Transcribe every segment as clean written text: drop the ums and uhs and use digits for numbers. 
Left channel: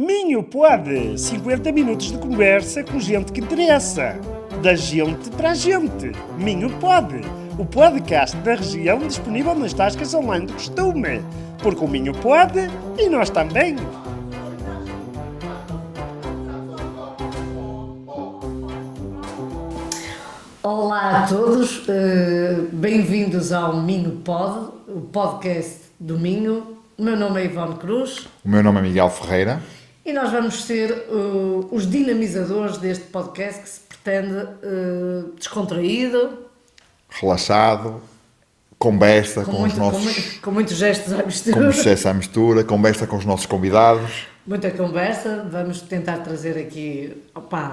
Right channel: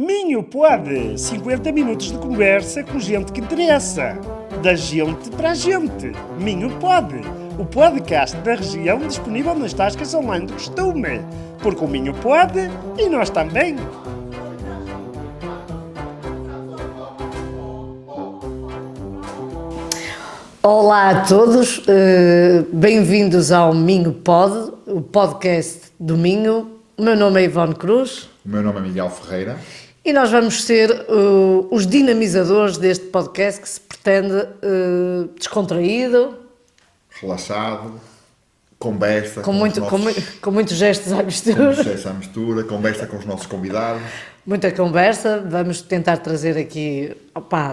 Minho pode, 50 minutos de conversa com gente que interessa. Da gente para a gente. Minho pode, o podcast da região disponível nas tascas online do costume. Porque o Minho pode e nós também. Olá a todos, bem-vindos ao Minho Pod, o podcast do Minho. O meu nome é Ivone Cruz. O meu nome é Miguel Ferreira. E nós vamos ser os dinamizadores deste podcast que se pretende descontraído, Relaxado, conversa com muitos gestos à com mistura, sucesso à mistura, conversa com os nossos convidados. muita conversa. Vamos tentar trazer aqui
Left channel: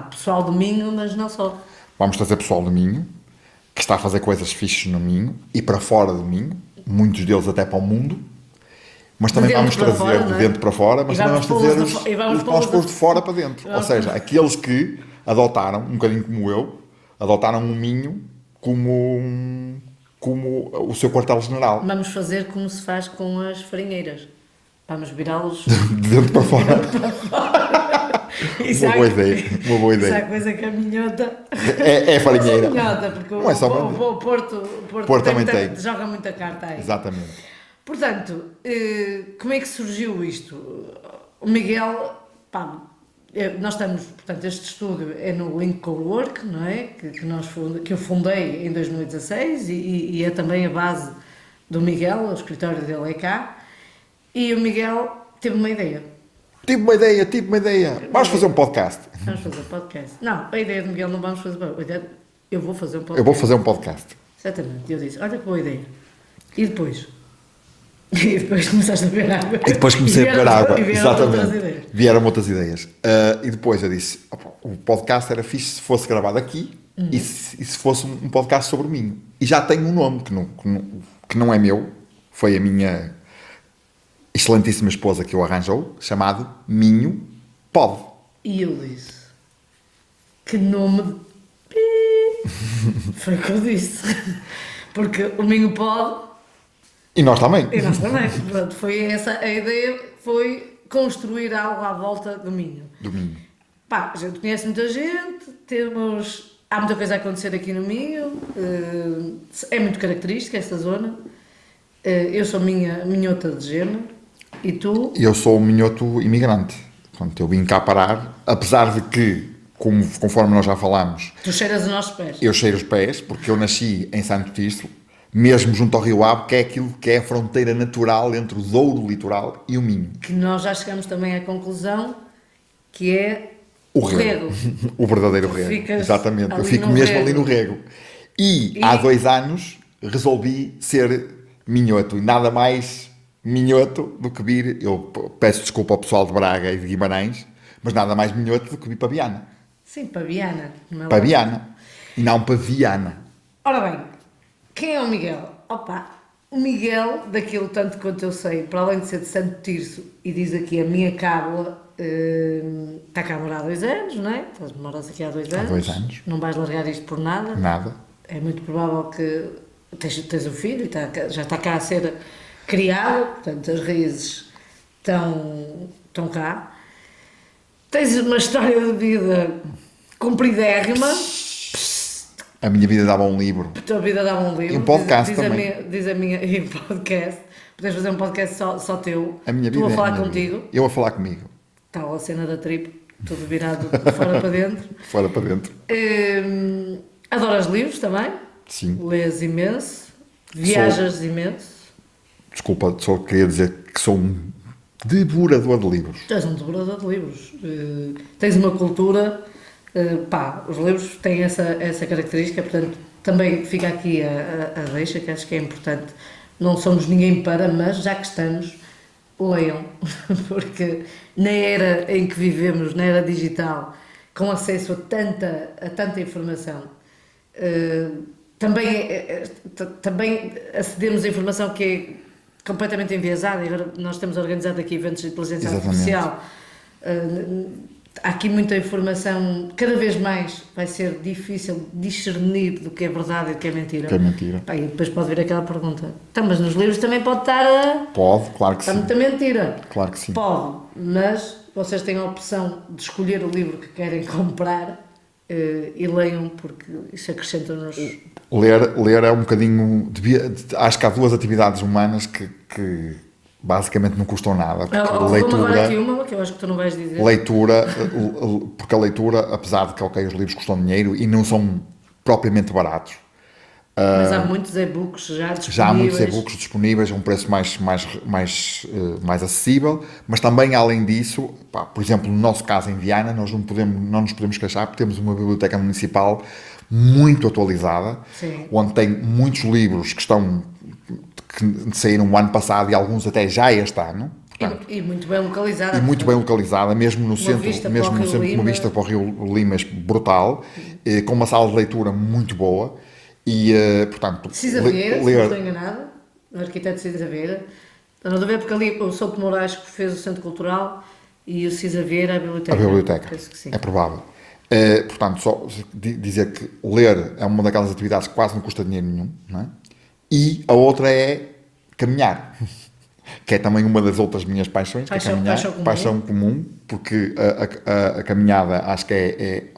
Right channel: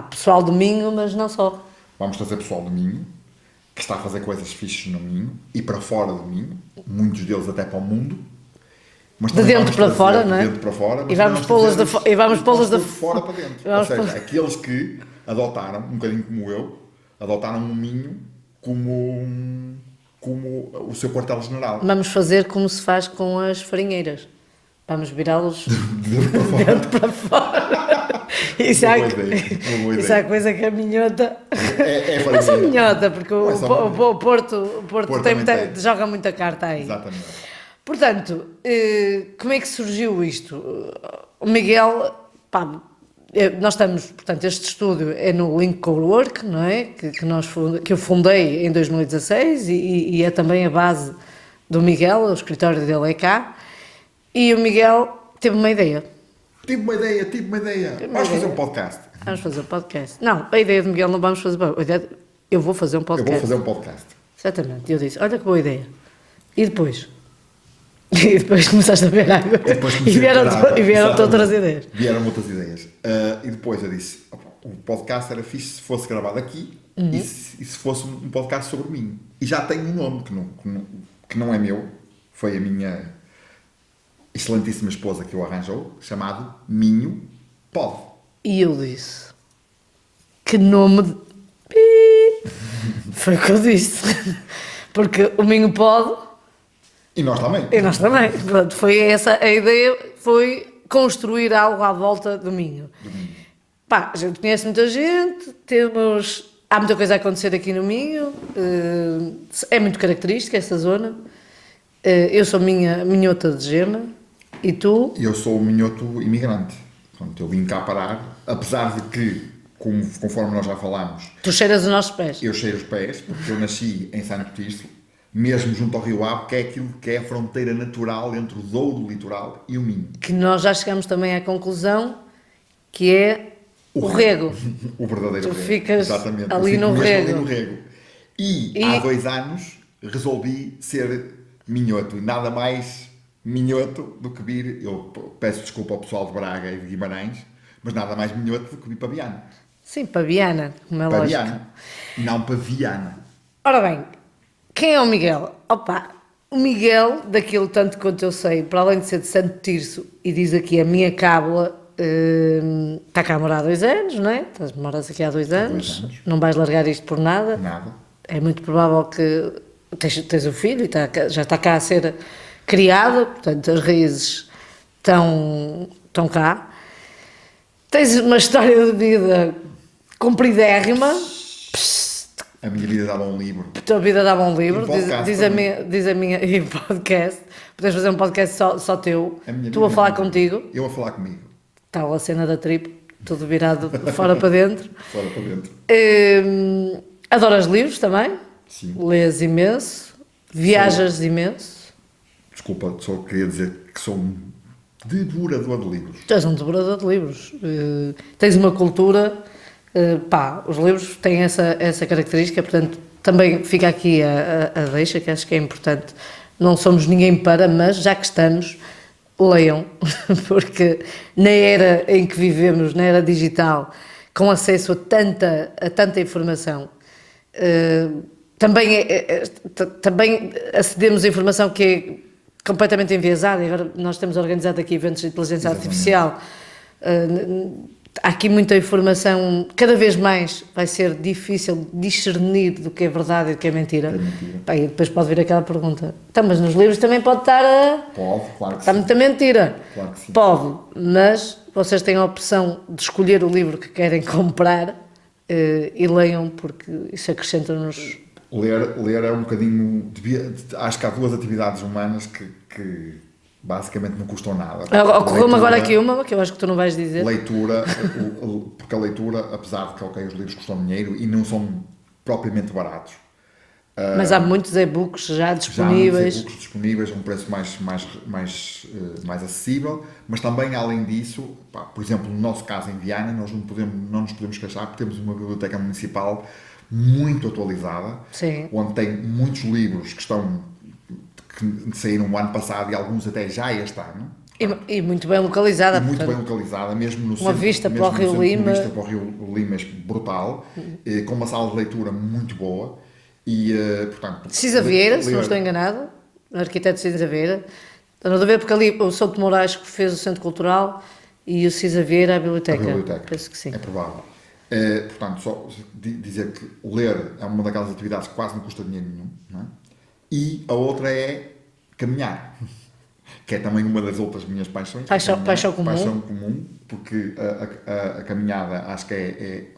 pessoal do Minho, mas não só. Vamos trazer pessoal do Minho, que está a fazer coisas fixes no Minho e para fora do Minho, muitos deles até para o mundo. Mas De também dentro vamos para trazer fora, não é? de dentro para fora, mas E vamos também pô-los trazer de fo- e vamos pô-los de- de fora para dentro. Ou seja, aqueles que adotaram, um bocadinho como eu, adotaram o Minho como o seu quartel-general. Vamos fazer como se faz com as farinheiras. Vamos virá-los De dentro para fora. Isso Uma há- boa ideia, uma boa Isso ideia. é coisa que a minhota. É Mas a farinheira. minhota, porque Não é só uma- o Porto também tem. joga muita carta aí. Exatamente. Portanto, como é que surgiu isto? O Miguel, nós estamos, portanto, este estúdio é no Link Cowork, não é? Que eu fundei em 2016 e é também a base do Miguel, o escritório dele é cá. E o Miguel teve uma ideia. Tive uma ideia. Vamos fazer um podcast. Vamos fazer um podcast. Não, a ideia do Miguel não vamos fazer. Eu vou fazer um Eu podcast. vou fazer um podcast. Exatamente. Eu disse, olha que boa ideia. E depois? E depois começaste a ver água. E depois comecei a ver água. E vieram Exatamente. outras ideias. Vieram outras ideias. E depois eu disse, opa, o podcast era fixe se fosse gravado aqui e se fosse um podcast sobre mim. E já tem um nome que não é meu. Foi a minha excelentíssima esposa que o arranjou, chamado Minho Pod. E eu disse, que nome de... Foi o que eu disse. Porque o Minho pode, E nós também. e nós também. Pronto, foi essa a ideia, foi construir algo à volta do Minho. Do Minho. A gente conhece muita gente, há muita coisa a acontecer aqui no Minho, é muito característica esta zona. Eu sou minhota de Gema, e tu? Eu sou um minhoto imigrante. Portanto, eu vim cá parar, apesar de que, conforme nós já falámos, Tu cheiras os nossos pés. eu cheiro os pés, porque eu nasci em Santo Tirso, mesmo junto ao Rio Ave, que é aquilo que é a fronteira natural entre o Douro Litoral e o Minho. Que nós já chegamos também à conclusão que é o rego. O verdadeiro Tu rego. ficas Exatamente. Eu ali fico no mesmo rego. ali no rego. E há 2 anos resolvi ser minhoto. E nada mais minhoto do que vir. Eu peço desculpa ao pessoal de Braga e de Guimarães, mas nada mais minhoto do que vir para Viana. Sim, para Viana. Como é Para lógico. Viana. Não para Viana. Ora bem, quem é o Miguel? O Miguel, daquilo tanto quanto eu sei, para além de ser de Santo Tirso, e diz aqui a minha cábula, está cá a morar há 2 anos, não é? Moras aqui há 2 anos. 2 anos. Não vais largar isto por nada. Nada. É muito provável que tens um filho e já está cá a ser criado, portanto as raízes estão cá. Tens uma história de vida compridérrima. A minha vida dava um livro. A tua vida dá um livro. E um podcast diz também. diz a minha e podcast. Podes fazer um podcast só teu. A minha Tu vida a é falar a minha contigo. vida. Eu a falar comigo. Tal a cena da trip, tudo virado de fora para dentro. Fora para dentro. Adoras livros também? Sim. Lês imenso. Viajas imenso. Desculpa, só queria dizer que sou um devorador de livros. Tu és um devorador de livros. Tens uma cultura. Os livros têm essa característica, portanto, também fica aqui a deixa, que acho que é importante. Não somos ninguém para, mas já que estamos, leiam, porque na era em que vivemos, na era digital, com acesso a tanta informação, também acedemos a informação que é completamente enviesada. E agora nós temos organizado aqui eventos de inteligência Exatamente. artificial. há aqui muita informação, cada vez mais vai ser difícil discernir do que é verdade e do que é mentira. Que é mentira. Pá, e depois pode vir aquela pergunta, então, mas nos livros também pode estar Pode, claro que está sim. muita mentira. Claro que sim. Pode, mas vocês têm a opção de escolher o livro que querem comprar e leiam, porque isso acrescenta-nos... Ler é um bocadinho. Acho que há duas atividades humanas que basicamente não custam nada. Ocorreu-me agora aqui uma, que eu acho que tu não vais dizer. Leitura, porque a leitura, apesar de que os livros custam dinheiro e não são propriamente baratos, Mas há muitos e-books já disponíveis. já há muitos e-books disponíveis a um preço mais acessível, mas também, além disso, pá, por exemplo, no nosso caso em Viana, nós não nos podemos queixar porque temos uma biblioteca municipal muito atualizada, Sim. onde tem muitos livros que saíram o ano passado e alguns até já este ano. E muito bem localizada. E muito bem localizada, mesmo no centro, vista mesmo para o no Rio centro, Lima. uma vista para o Rio Lima brutal, com uma sala de leitura muito boa e, portanto... Cisa Vieira, se não estou enganado, o arquiteto Cisa Vieira. Não estou a ver porque ali o Souto Moraes que fez o Centro Cultural e o Cisa Vieira a biblioteca. A biblioteca, Penso que sim. é provável. Portanto, só dizer que ler é uma daquelas atividades que quase não custa dinheiro nenhum, não é? E a outra é caminhar, que é também uma das outras minhas paixões. Paixão comum, porque a caminhada acho que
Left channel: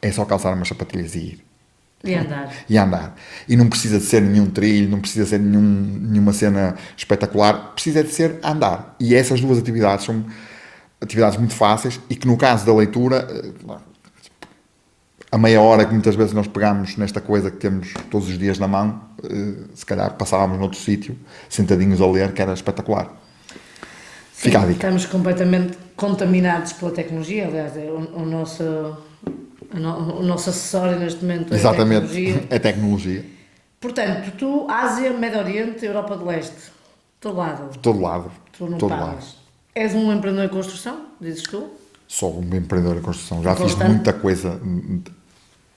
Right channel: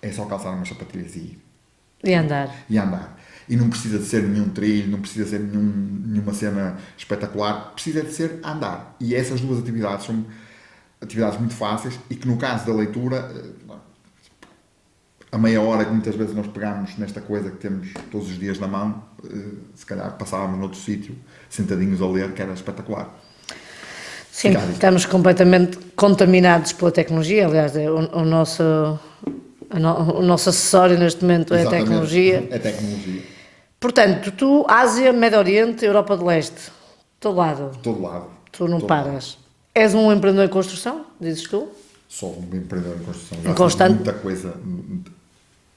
é só calçar umas sapatilhas e ir. E andar. E não precisa de ser nenhum trilho, não precisa ser nenhuma cena espetacular, precisa de ser andar. E essas duas atividades são atividades muito fáceis e que no caso da leitura, a meia hora que muitas vezes nós pegamos nesta coisa que temos todos os dias na mão, se calhar passávamos noutro sítio, sentadinhos a ler, que era espetacular. Sim, estamos completamente contaminados pela tecnologia, aliás, o nosso acessório neste momento é a tecnologia. É tecnologia. Portanto, tu, Ásia, Médio Oriente, Europa de Leste, todo lado. Todo lado. Tu não todo paras. lado. És um empreendedor em construção, dizes tu? Sou um empreendedor em construção. Já fiz muita coisa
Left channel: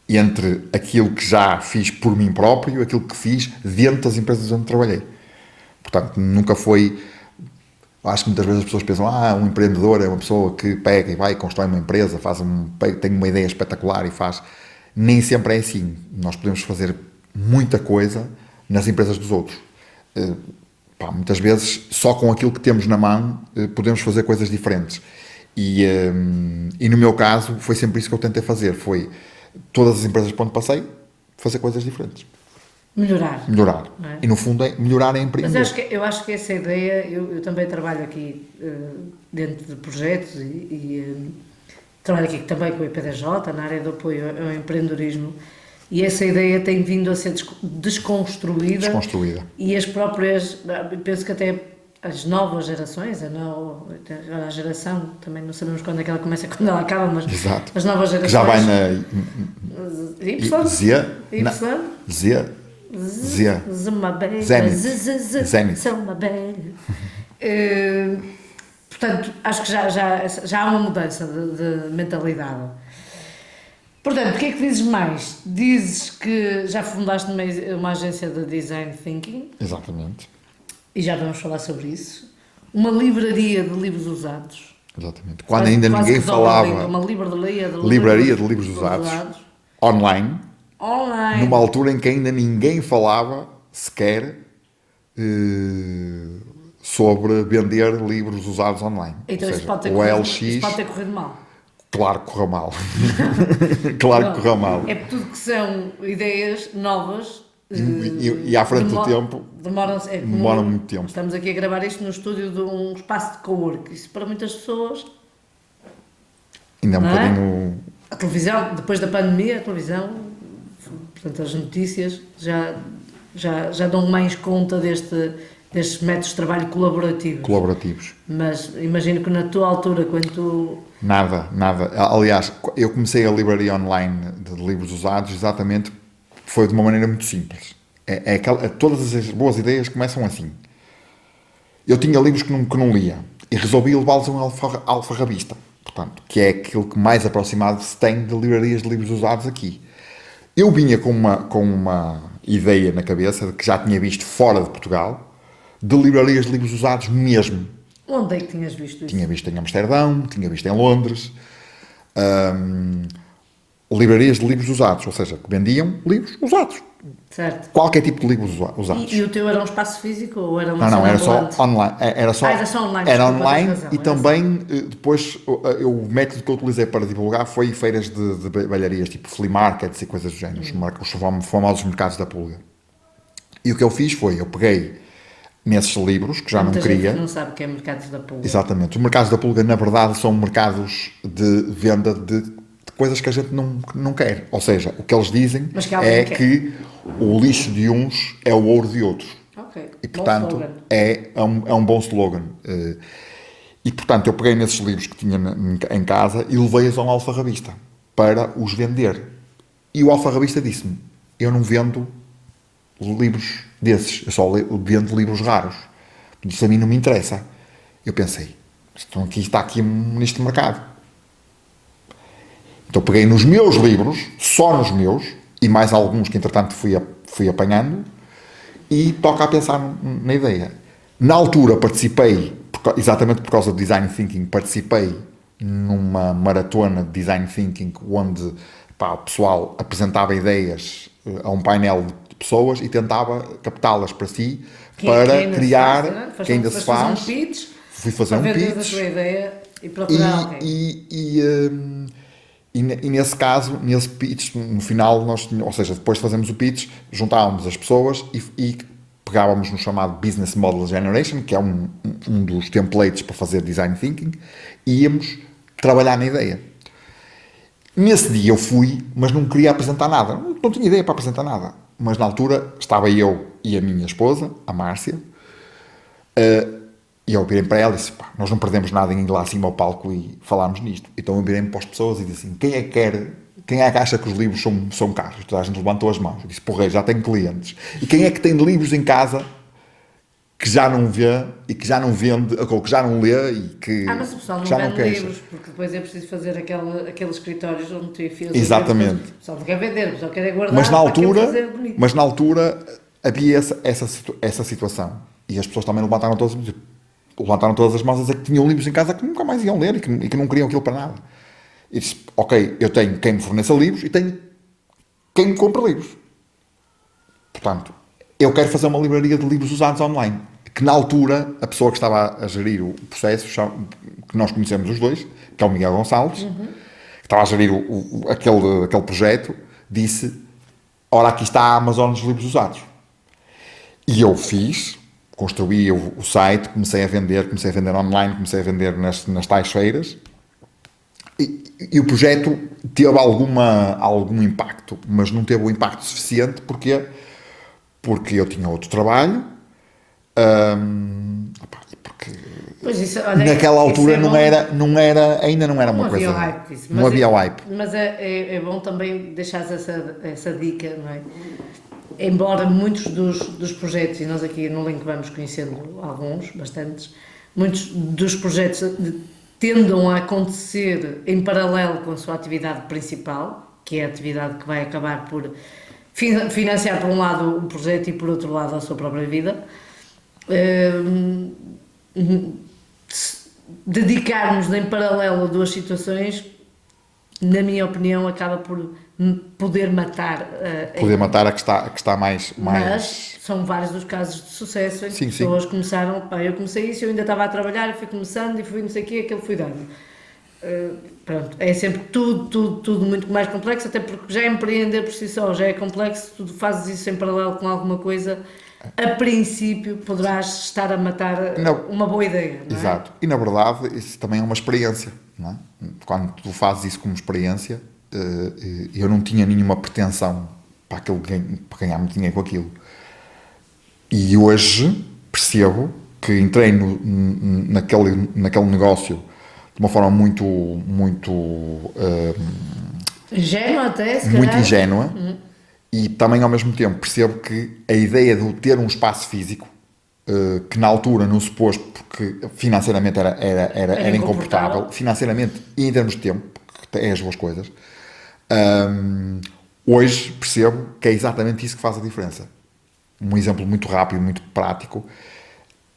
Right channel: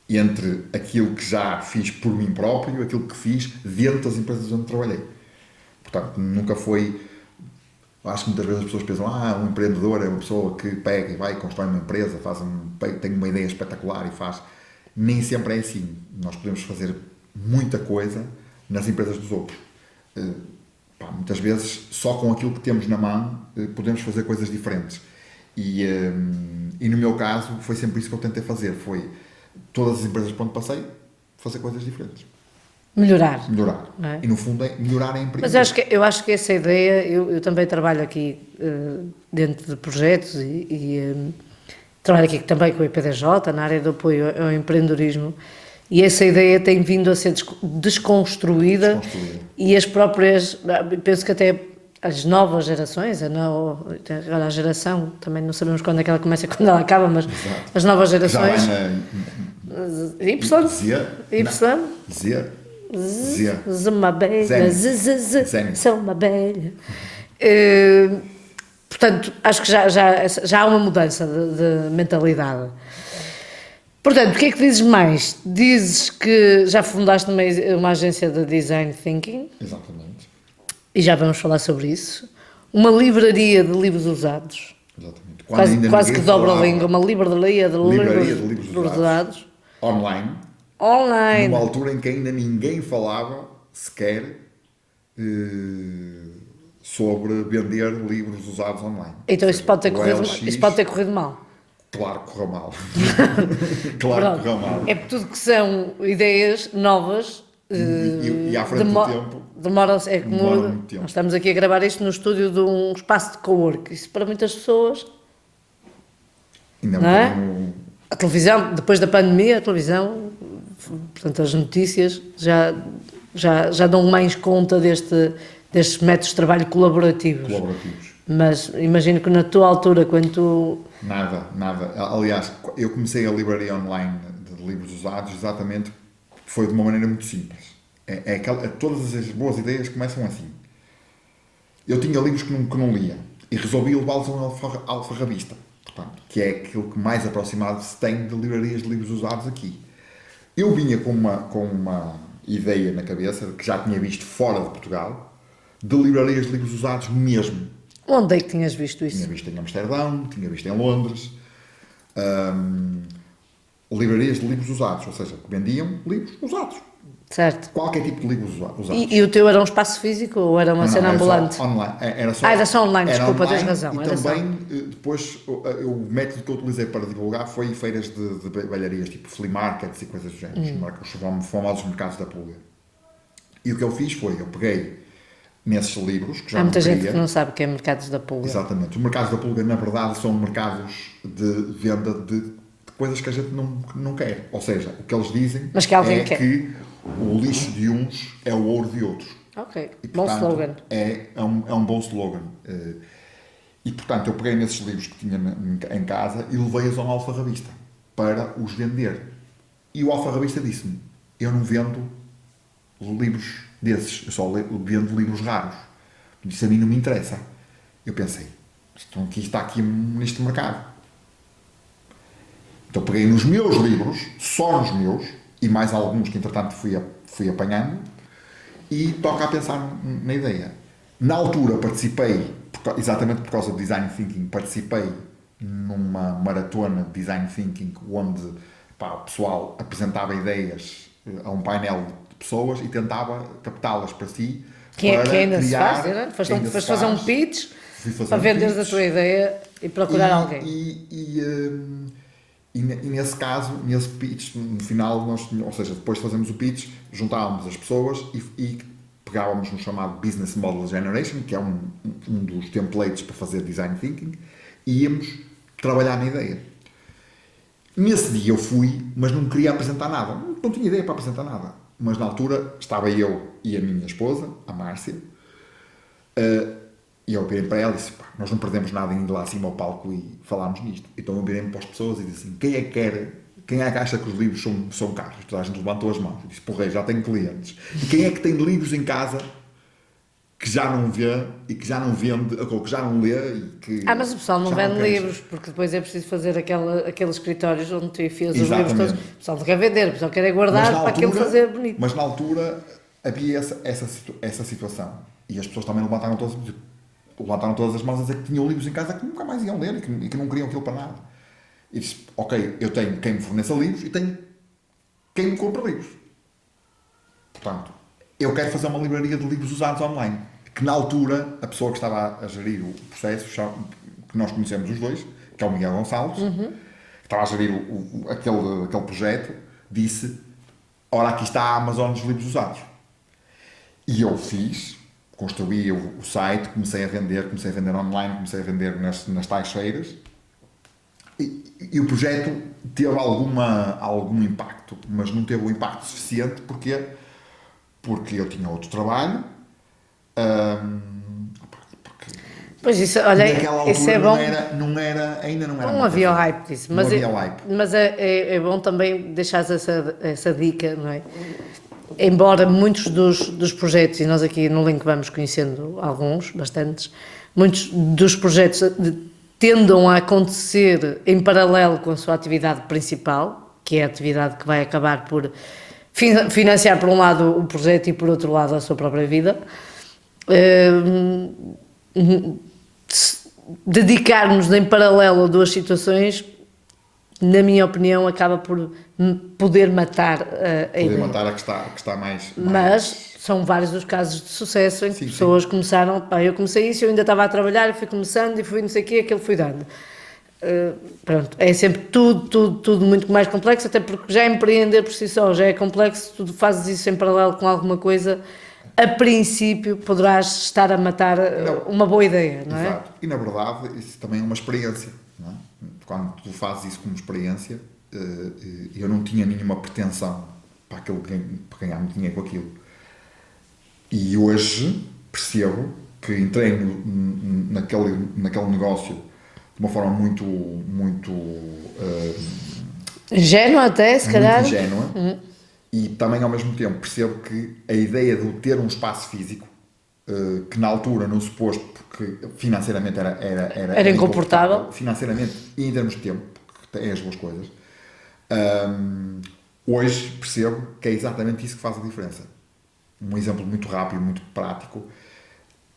entre aquilo que já fiz por mim próprio e aquilo que fiz dentro das empresas onde trabalhei. Portanto, nunca foi... Acho que muitas vezes as pessoas pensam um empreendedor é uma pessoa que pega e vai, constrói uma empresa, tem uma ideia espetacular e faz. Nem sempre é assim. Nós podemos fazer muita coisa nas empresas dos outros. Muitas vezes, só com aquilo que temos na mão, podemos fazer coisas diferentes. E no meu caso, foi sempre isso que eu tentei fazer. Foi todas as empresas por onde passei, fazer coisas diferentes. Melhorar. É? E no fundo é melhorar a empresa. Mas eu acho que essa ideia, eu também trabalho aqui dentro de projetos e trabalho aqui também com o IPDJ, na área de apoio ao empreendedorismo, e essa ideia tem vindo a ser desconstruída. E as próprias, penso que até as novas gerações, agora a geração, também não sabemos quando é que ela começa e quando ela acaba, mas exato. As novas gerações... Já vai na uma abelha, sou uma abelha. Portanto, acho que já há uma mudança de mentalidade. Portanto, o que é que dizes mais? Dizes que já fundaste uma agência de Design Thinking. Exatamente. E já vamos falar sobre isso. Uma livraria de livros usados. Exatamente. Quando ainda quase ninguém que dobra falava. a língua. Uma livraria de livros usados. Online. Numa altura em que ainda ninguém falava sequer sobre vender livros usados online. Então isso pode ter corrido mal. Claro que correu mal. Claro que correu mal. É tudo que são ideias novas. E à frente do tempo. Demoram muito tempo. Nós estamos aqui a gravar isto no estúdio de um espaço de cowork. Isso para muitas pessoas. Ainda é um bocadinho. A televisão, depois da pandemia, a televisão, portanto, as notícias já dão mais conta destes métodos de trabalho colaborativos. Mas imagino que na tua altura, quando tu... Nada. Aliás, eu comecei a livraria online de livros usados exatamente, foi de uma maneira muito simples. Todas as boas ideias começam assim. Eu tinha livros que não lia e resolvi levá-los a um alfarrabista, portanto, que é aquilo que mais aproximado se tem de livrarias de livros usados aqui. Eu vinha com uma ideia na cabeça de que já tinha visto fora de Portugal, de livrarias de livros usados mesmo. Onde é que tinhas visto isso? Tinha visto em Amsterdão, tinha visto em Londres, hum, livrarias de livros usados, ou seja, que vendiam livros usados. Certo. Qualquer tipo de livros usados. E o teu era um espaço físico ou era uma Não, cena era só ambulante? online. Era Só online, era desculpa, online tens razão, e era também, depois, o método que eu utilizei para divulgar foi feiras de balharias, tipo flea markets e coisas do género, os famosos mercados da pulga. E o que eu fiz foi, eu peguei nesses livros, que já Há não muita gente queria... que não sabe o que é mercados da pulga. Exatamente. Os mercados da pulga, na verdade, são mercados de venda de coisas que a gente não quer. Ou seja, o que eles dizem Mas que alguém é quer. que o lixo de uns é o ouro de outros. Ok, E, bom portanto, slogan. é um bom slogan. E, portanto, eu peguei nesses livros que tinha em casa e levei-os a um alfarrabista para os vender. E o alfarrabista disse-me, eu não vendo livros desses, eu só vendo livros raros. Isso a mim não me interessa. Eu pensei, então está aqui neste mercado. Então peguei nos meus livros, só nos meus, e mais alguns que entretanto fui apanhando, e toca a pensar na ideia. Na altura participei, exatamente por causa do Design Thinking, participei numa maratona de Design Thinking onde o pessoal apresentava ideias a um painel de pessoas e tentava captá-las para si, para ainda criar, se faz, que ainda se fazer um faz. pitch Fui fazer para um venderes a pitch. tua ideia e procurar alguém. E nesse caso, nesse pitch, no final, ou seja, depois de fazermos o pitch, juntávamos as pessoas e pegávamos no chamado Business Model Generation, que é um dos templates para fazer Design Thinking, e íamos trabalhar na ideia. Nesse dia eu fui, mas não queria apresentar nada. Não tinha ideia para apresentar nada. Mas na altura estava eu e a minha esposa, a Márcia, e eu virei para ela e disse, pá, nós não perdemos nada em ir lá acima ao palco e falarmos nisto. Então eu virei-me para as pessoas e disse assim, quem é que acha que os livros são caros? Toda a gente levantou as mãos. Eu disse, porra, já tenho clientes. E quem é que tem livros em casa que já não vê e que já não vende, ou que já não lê e que Mas o pessoal não já vende quer. livros, porque depois é preciso fazer aqueles escritórios onde tu enfias os Exatamente. livros todos. O pessoal não quer vender, o pessoal quer guardar Mas na para aquilo altura, fazer bonito. mas na altura havia essa situação. E as pessoas também levantaram todas as mãos a dizer que tinham livros em casa que nunca mais iam ler e que não queriam aquilo para nada. E disse, ok, eu tenho quem me forneça livros e tenho quem me compra livros. Portanto, eu quero fazer uma livraria de livros usados online. Que na altura, a pessoa que estava a gerir o processo, que nós conhecemos os dois, que é o Miguel Gonçalves, que estava a gerir aquele projeto, disse, ora, aqui está a Amazon dos livros usados. E eu construí o site, comecei a vender online, comecei a vender nas tais feiras, e o projeto teve algum impacto, mas não teve o impacto suficiente, porque eu tinha outro trabalho, porque Pois isso, olha, naquela isso altura é bom. ainda não era Não uma havia o coisa. hype disso. Não havia o hype. Mas é bom também deixares essa dica, não é? Embora muitos dos projetos, e nós aqui no Link vamos conhecendo alguns, bastantes, muitos dos projetos tendam a acontecer em paralelo com a sua atividade principal, que é a atividade que vai acabar por financiar por um lado o projeto e por outro lado a sua própria vida. Dedicarmos em paralelo a duas situações, na minha opinião, acaba por poder matar Matar a que está mais... Mas são vários os casos de sucesso em que pessoas começaram, eu comecei isso, eu ainda estava a trabalhar, eu fui começando e fui não sei o quê, aquilo fui dando. Pronto, é sempre tudo muito mais complexo, até porque já empreender por si só já é complexo, tu fazes isso em paralelo com alguma coisa, a princípio poderás estar a matar uma boa ideia, não é? Exato. E na verdade isso também é uma experiência, não é? Quando tu fazes isso como experiência, eu não tinha nenhuma pretensão para ganhar muito dinheiro com aquilo. E hoje percebo que entrei naquele negócio de uma forma muito ingênua até, se calhar. Muito ingênua. E também ao mesmo tempo percebo que a ideia de ter um espaço físico, que na altura não se pôs porque financeiramente era incomportável, financeiramente e em termos de tempo, que é as duas coisas, hoje percebo que é exatamente isso que faz a diferença. Um exemplo muito rápido, muito prático,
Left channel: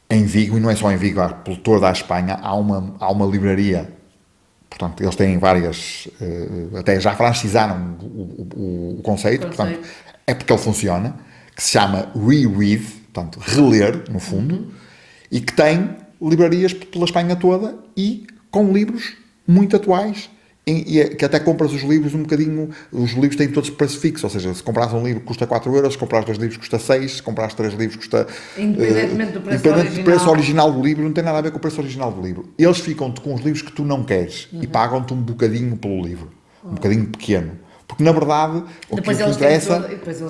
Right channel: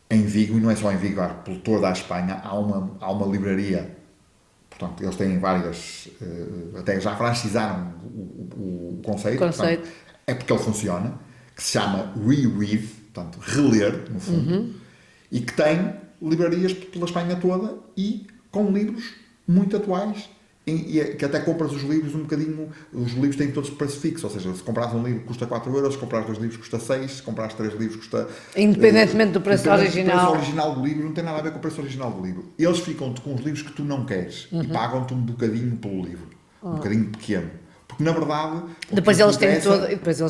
em Vigo, e não é só em Vigo, pelo toda a Espanha, há uma livraria portanto, eles têm várias, até já francizaram o conceito, portanto, é porque ele funciona, que se chama Reread, portanto, reler, no fundo, e que tem livrarias pela Espanha toda e com livros muito atuais, que até compras os livros um bocadinho, os livros têm todos preço fixo, ou seja, se compras um livro custa 4 euros, se compras 2 livros custa 6, se compras 3 livros custa... Independentemente do preço original. Do preço original do livro, não tem nada a ver com o preço original do livro. Eles ficam-te com os livros que tu não queres e pagam-te um bocadinho pelo livro, um bocadinho pequeno. Porque na verdade, depois eles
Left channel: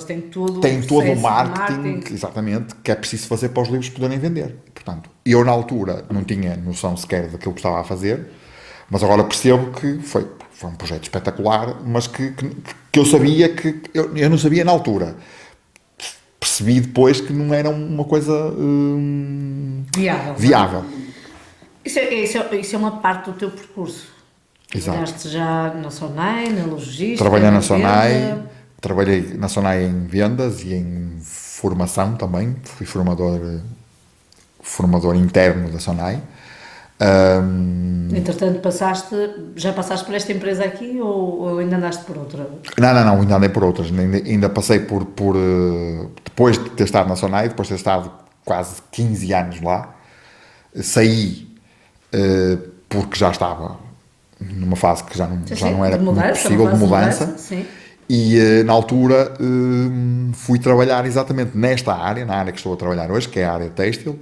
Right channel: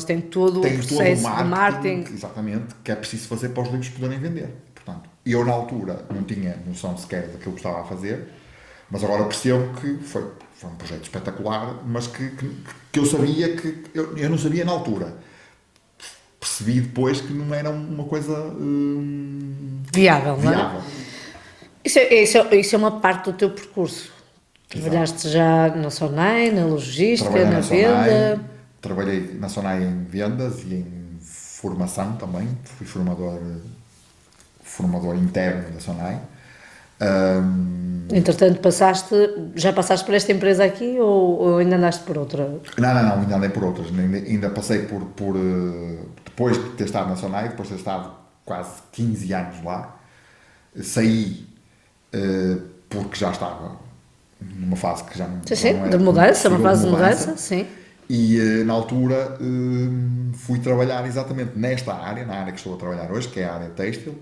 têm todo o marketing, exatamente, que é preciso fazer para os livros poderem vender. Portanto, eu na altura não tinha noção sequer daquilo que estava a fazer, mas agora percebo que foi um projeto espetacular, mas que eu sabia que... Eu não sabia na altura. Percebi depois que não era uma coisa viável. Isso é uma parte do teu percurso. Trabalhaste já na Sonai, na logística, trabalhei na Sonai, venda. Trabalhei na Sonai em vendas e em formação também. Fui formador interno da Sonai. Entretanto, já passaste por esta empresa aqui ou ainda andaste por outra? Não, ainda andei por outras. Ainda passei por depois de ter estado na Sonai, depois de ter estado quase 15 anos lá, saí porque já estava numa fase que já não era possível de mudança. Sim. E na altura fui trabalhar exatamente nesta área, na área que estou a trabalhar hoje, que é a área têxtil,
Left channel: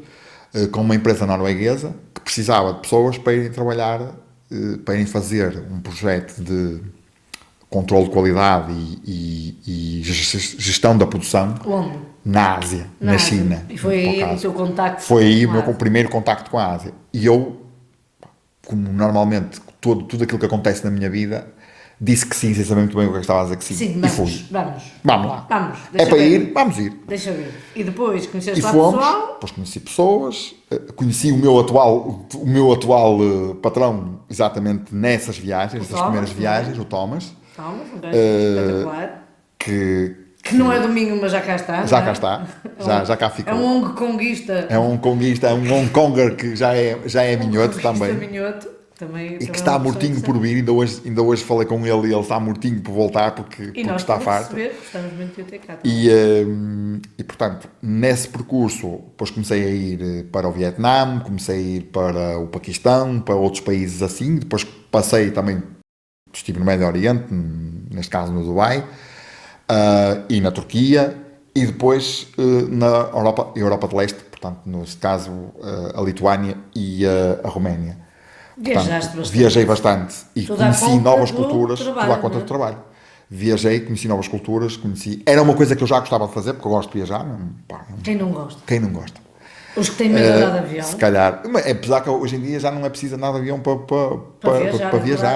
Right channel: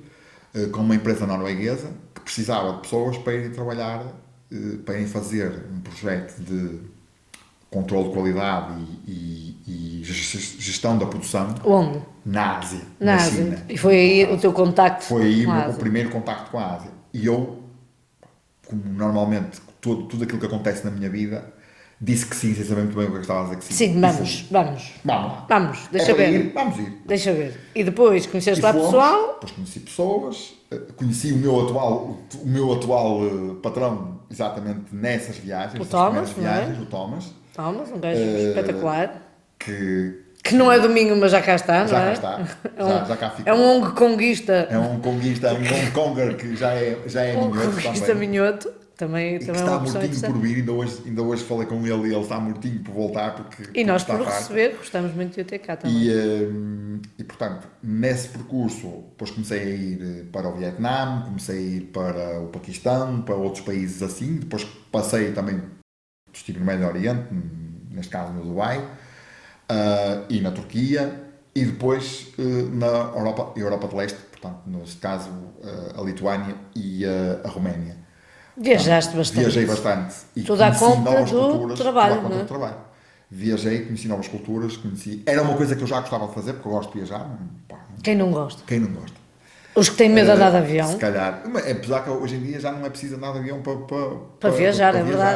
com uma empresa norueguesa que precisava de pessoas para irem trabalhar, para irem fazer um projeto de controle de qualidade e gestão da produção. Onde? Na Ásia, na China. E foi aí o teu contacto? Foi aí o primeiro contacto com a Ásia. E eu, como normalmente tudo aquilo que acontece na minha vida, disse que sim, sem saber muito bem o que estava a dizer que sim. Sim, vamos lá. Vamos, é para ir, vamos ir. Deixa ver. E depois conheceste E lá fomos, pessoal? depois conheci pessoas, conheci o meu atual patrão exatamente nessas viagens, nessas primeiras viagens, o Thomas. Thomas, um gajo espetacular. Que não é domingo, mas já cá está. Já cá está, já cá ficou. É um Hong Kongista. É um Hong Konger que já é minhoto também. Minhoto. Também, e que está mortinho por vir, ainda hoje falei com ele e ele está mortinho por voltar porque nós está farto. Gostamos muito de ter cá e portanto, nesse percurso, depois comecei a ir para o Vietnã, comecei a ir para o Paquistão, para outros países assim, depois passei também, estive no Médio Oriente, neste caso no Dubai, e na Turquia, e depois na Europa de Leste, portanto, neste caso a Lituânia e a Roménia. Viajaste bastante. Viajei bastante e conheci novas culturas, tudo à conta do trabalho. Viajei, conheci novas culturas, era uma coisa que eu já gostava de fazer, porque eu gosto de viajar. Quem não gosta? Quem não gosta? Os que têm medo de andar de avião. Se calhar, apesar que hoje em dia já não é preciso andar de avião para viajar.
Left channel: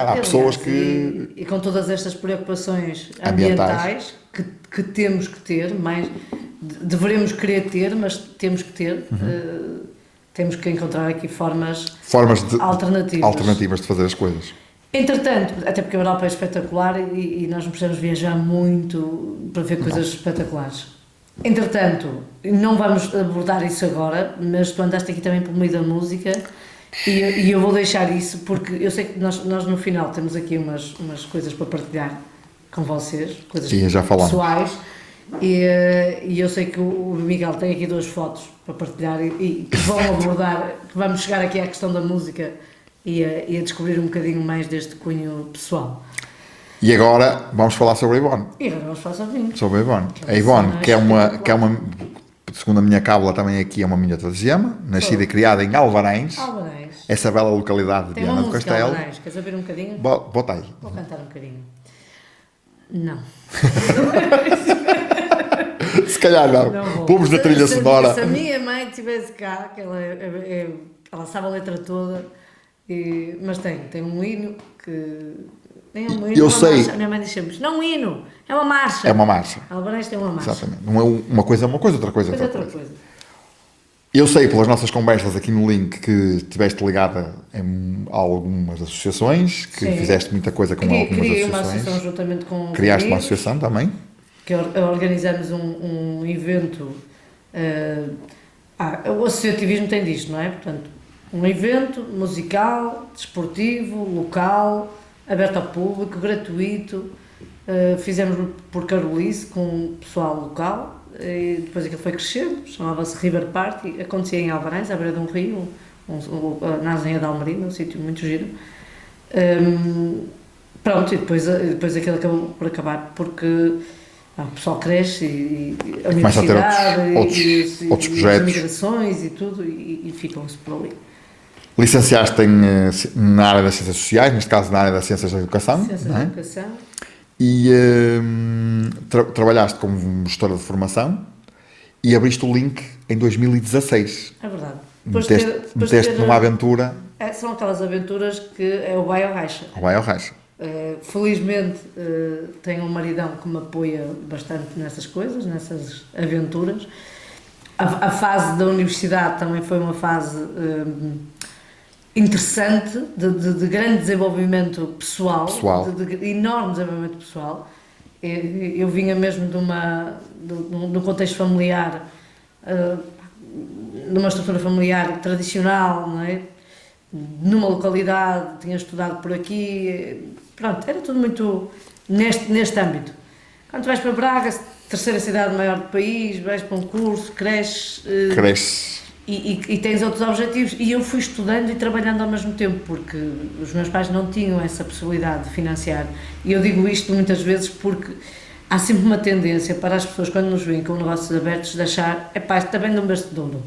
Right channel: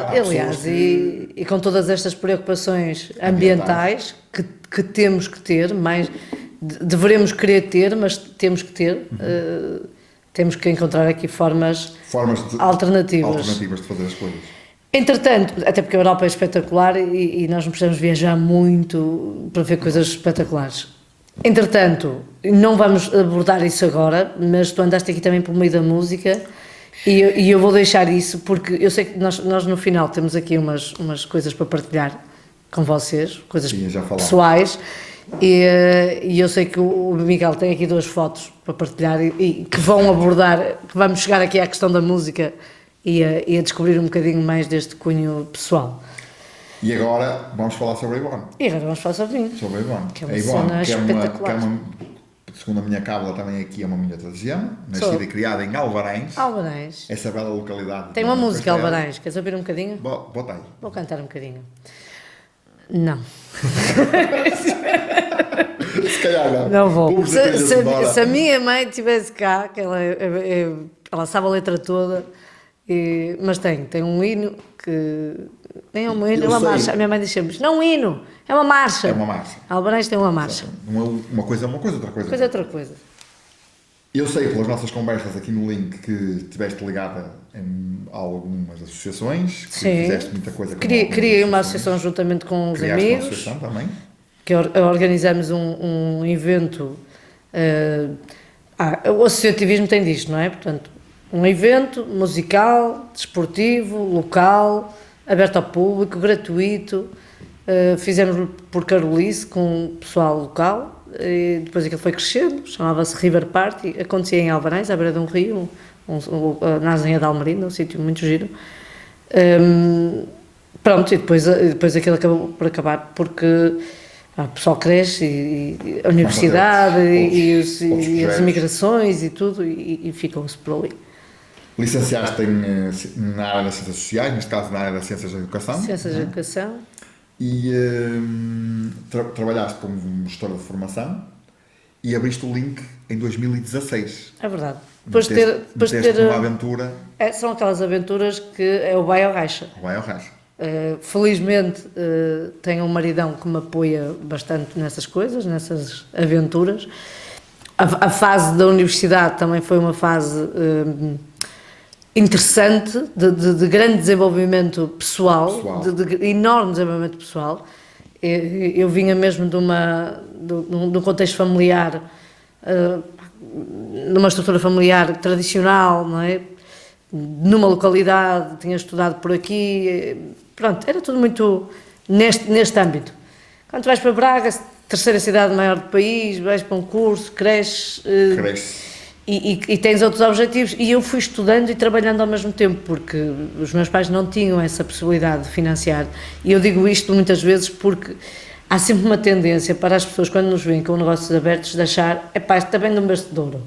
Há pessoas que... E com todas estas preocupações ambientais que temos que ter, deveremos querer ter, mas temos que ter... Temos que encontrar aqui formas alternativas de fazer as coisas. Entretanto, até porque a Europa é espetacular e nós não precisamos viajar muito para ver coisas espetaculares. Entretanto, não vamos abordar isso agora, mas tu andaste aqui também pelo meio da música e eu vou deixar isso porque eu sei que nós no final temos aqui umas coisas para partilhar com vocês, coisas pessoais. E eu sei que o Miguel tem aqui 2 fotos para partilhar e que vão abordar, que vamos chegar aqui à questão da música e a descobrir um bocadinho mais deste cunho pessoal. E agora vamos falar sobre a Ivone. Sobre a Ivone. A Ivone, que é uma, segundo a minha cábula também aqui, é uma minhota de Gema, nascida e criada em Alvarães. Essa bela localidade. Tem uma música Alvarães, queres ouvir um bocadinho? Bota aí. Vou cantar um bocadinho. Não. Se calhar não. Não vou. Vamos da trilha sonora. Se a minha mãe estivesse cá, que ela sabe a letra toda, mas tem um hino que... Nem é um hino, é uma marcha. A minha mãe diz sempre, não é um hino, é uma marcha. É uma marcha. Alvarães tem uma marcha. Exatamente. Não é uma coisa, outra coisa. Outra coisa. Eu sei pelas nossas conversas aqui no link que estiveste ligada a algumas associações, que fizeste muita coisa com algumas associações. Criei uma associação juntamente com os Criaste amigos. uma associação também? Que organizamos um evento. O associativismo tem disto, não é? Portanto, Um evento musical, desportivo, local, aberto ao público, gratuito. Fizemos por Carolice com o pessoal local. E depois aquilo foi crescendo, chamava-se River Party, acontecia em Alvarães, à beira de um rio, na Azinha de Almerinda, um sítio muito giro. Pronto, e depois aquilo acabou por acabar porque o pessoal cresce e a universidade e as migrações e tudo, e ficou-se por ali. Licenciaste na área das ciências sociais, neste caso na área das ciências da educação. Ciências da educação. E trabalhaste como gestora de formação e abriste o Link em 2016. É verdade. Meteste numa aventura. São aquelas aventuras que é o vai ao racha. O vai ao racha. Felizmente tenho um maridão que me apoia bastante nessas coisas, nessas aventuras. A fase da universidade também foi uma fase interessante, de grande desenvolvimento pessoal. De enorme desenvolvimento pessoal. Eu vinha mesmo de um contexto familiar, numa estrutura familiar tradicional, não é? Numa localidade, tinha estudado por aqui, pronto, era tudo muito neste âmbito. Quando vais para Braga, terceira cidade maior do país, vais para um curso, cresces e tens outros objetivos. E eu fui estudando e trabalhando ao mesmo tempo, porque os meus pais não tinham essa possibilidade de financiar. E eu digo isto muitas vezes porque há sempre uma tendência para as pessoas, quando nos veem com negócios abertos, de achar: epá, isto está bem de um berço de ouro.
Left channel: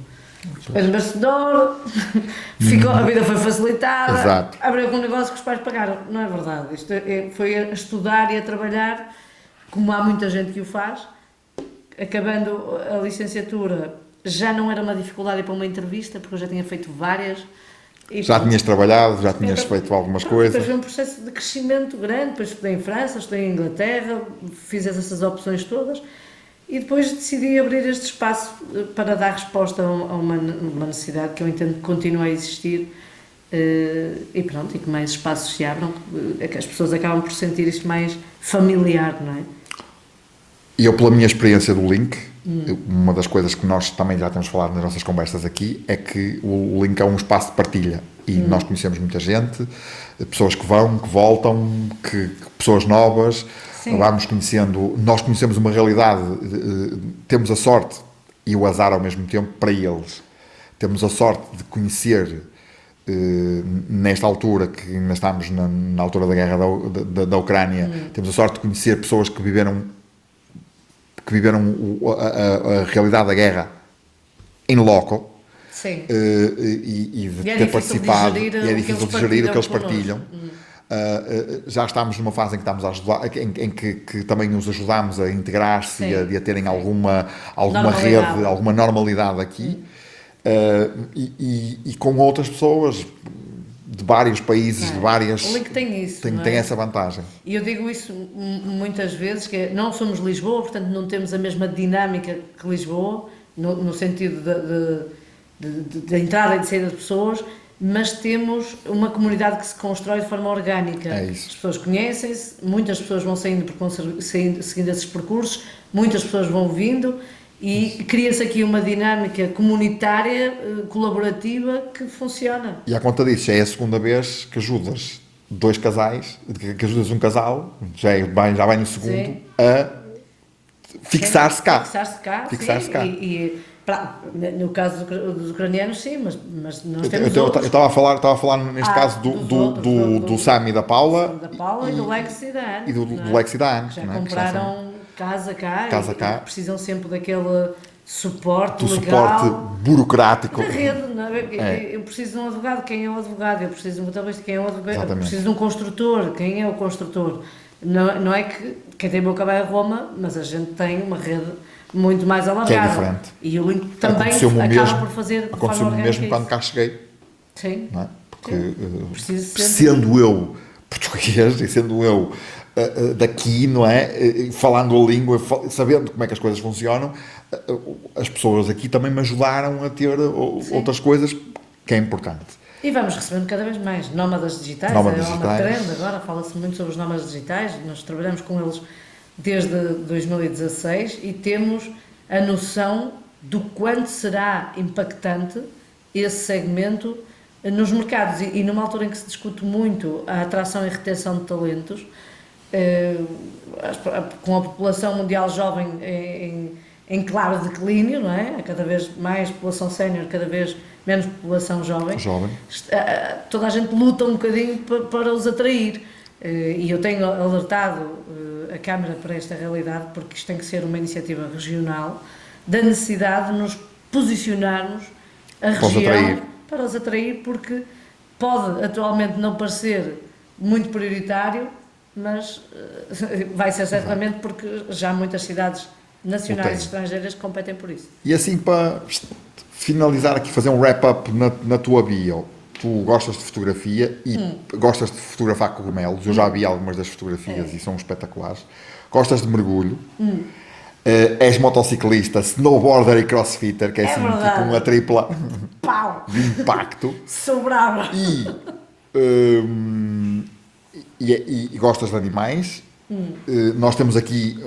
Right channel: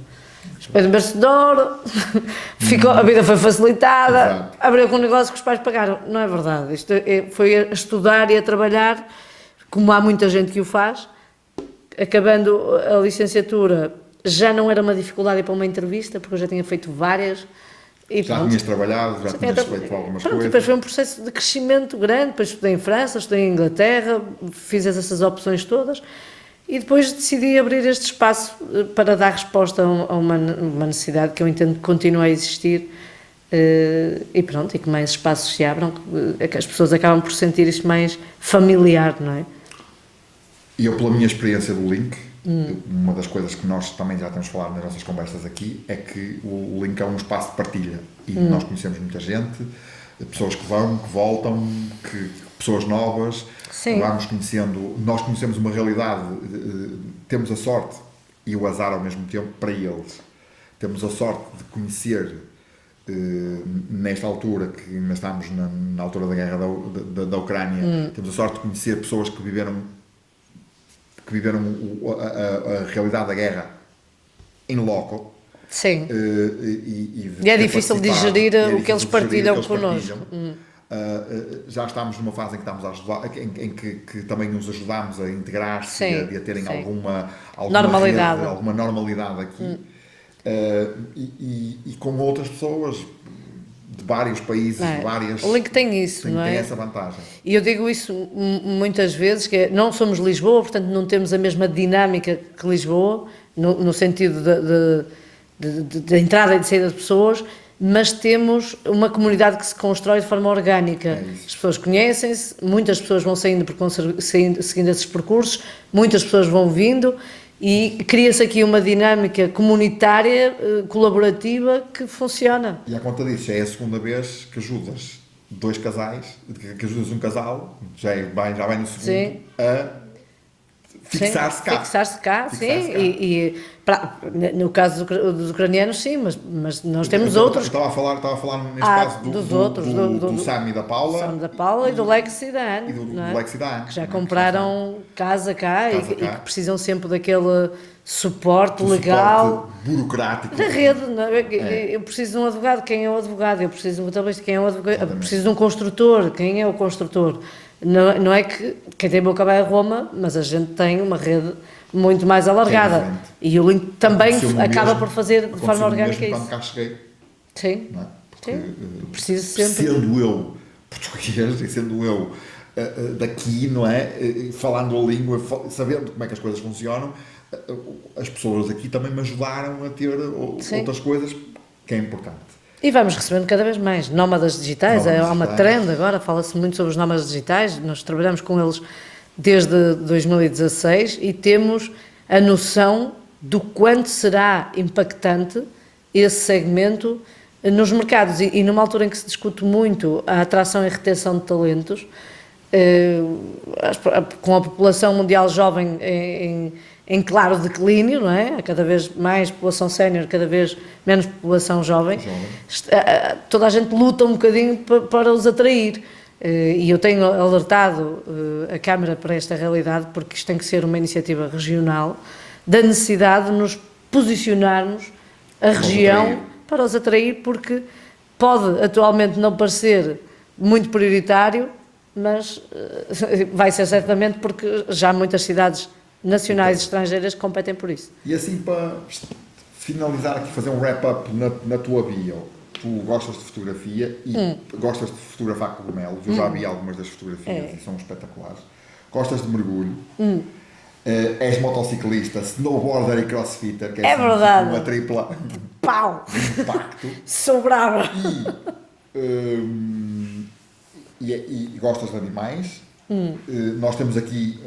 É de um berço de ouro, a vida foi facilitada, Exato. Abriu com um negócio que os pais pagaram. Não é verdade. Isto foi a estudar e a trabalhar, como há muita gente que o faz. Acabando a licenciatura, já não era uma dificuldade ir para uma entrevista, porque eu já tinha feito várias. Já tinhas trabalhado, já tinhas feito algumas coisas. Depois foi um processo de crescimento grande, depois estudei em França, estudei em Inglaterra, fiz essas opções todas e depois decidi abrir este espaço para dar resposta a uma necessidade que eu entendo que continua a existir e pronto, e que mais espaços se abram, que as pessoas acabam por sentir isto mais familiar, não é? E eu, pela minha experiência do Link, uma das coisas que nós também já temos falado nas nossas conversas aqui é que o Link é um espaço de partilha e nós conhecemos muita gente, pessoas que vão, que voltam, pessoas novas. Sim. Vamos conhecendo, nós conhecemos uma realidade, temos a sorte e o azar ao mesmo tempo para eles. Temos a sorte de conhecer, nesta altura, que ainda estamos na altura da guerra da Ucrânia, temos a sorte de conhecer pessoas que viveram a realidade da guerra em loco. Sim. E é difícil de digerir o que eles partilham. Já estamos numa fase em que estamos a ajudar, em que também nos ajudamos a integrar-se e a terem alguma rede, alguma normalidade aqui. E com outras pessoas de vários países, de várias... O Link tem isso, não é? Tem essa vantagem. E eu digo isso muitas vezes, que não somos Lisboa, portanto não temos a mesma dinâmica que Lisboa, no sentido de entrada e de saída de pessoas, mas temos uma comunidade que se constrói de forma orgânica. É isso. As pessoas conhecem-se, muitas pessoas vão saindo porque vão seguindo esses percursos, muitas pessoas vão vindo e cria-se aqui uma dinâmica comunitária, colaborativa, que funciona. E à conta disso, já é a segunda vez que ajudas dois casais, que ajudas um casal, já vai no segundo, sim, a fixar-se cá. Fixar-se cá. No caso dos ucranianos, sim, mas nós temos outros. Eu estava a falar neste caso do Sam e da Paula. Da Paula e do Lex e da Ana. E do Lex e da Ana. Que já compraram casa cá e que precisam sempre daquele suporte legal. Suporte burocrático. Da rede, não é? Eu preciso de um advogado, quem é o advogado? Eu preciso de um contabilista, quem é o advogado? Eu preciso de um construtor, quem é o construtor? Não é que quem tem boca vai a Roma, mas a gente tem uma rede muito mais alargada. E o Link também acaba por fazer de forma orgânica mesmo quando cá cheguei. Sim. Não é? Porque sendo eu português e sendo eu daqui, não é? Falando a língua, sabendo como é que as coisas funcionam, as pessoas aqui também me ajudaram a ter outras coisas que é importante. E vamos recebendo cada vez mais nómadas digitais. Há uma trend agora, fala-se muito sobre os nómadas digitais, nós trabalhamos com eles desde 2016 e temos a noção do quanto será impactante esse segmento nos mercados e numa altura em que se discute muito a atração e retenção de talentos, com a população mundial jovem em claro declínio, não é? Há cada vez mais população sénior, cada vez menos população jovem. Toda a gente luta um bocadinho para os atrair. E eu tenho alertado a Câmara para esta realidade, porque isto tem que ser uma iniciativa regional, da necessidade de nos posicionarmos a região para os atrair, porque pode atualmente não parecer muito prioritário, mas vai ser certamente, porque já muitas cidades nacionais e estrangeiras competem por isso. E assim, para finalizar aqui, fazer um wrap-up na tua bio, tu gostas de fotografia e gostas de fotografar cogumelos, eu já vi algumas das fotografias e são espetaculares, gostas de mergulho, és motociclista, snowboarder e crossfitter, que é assim, tipo uma tripla Pau! de impacto. Sou brava! E gostas de animais. Nós temos aqui,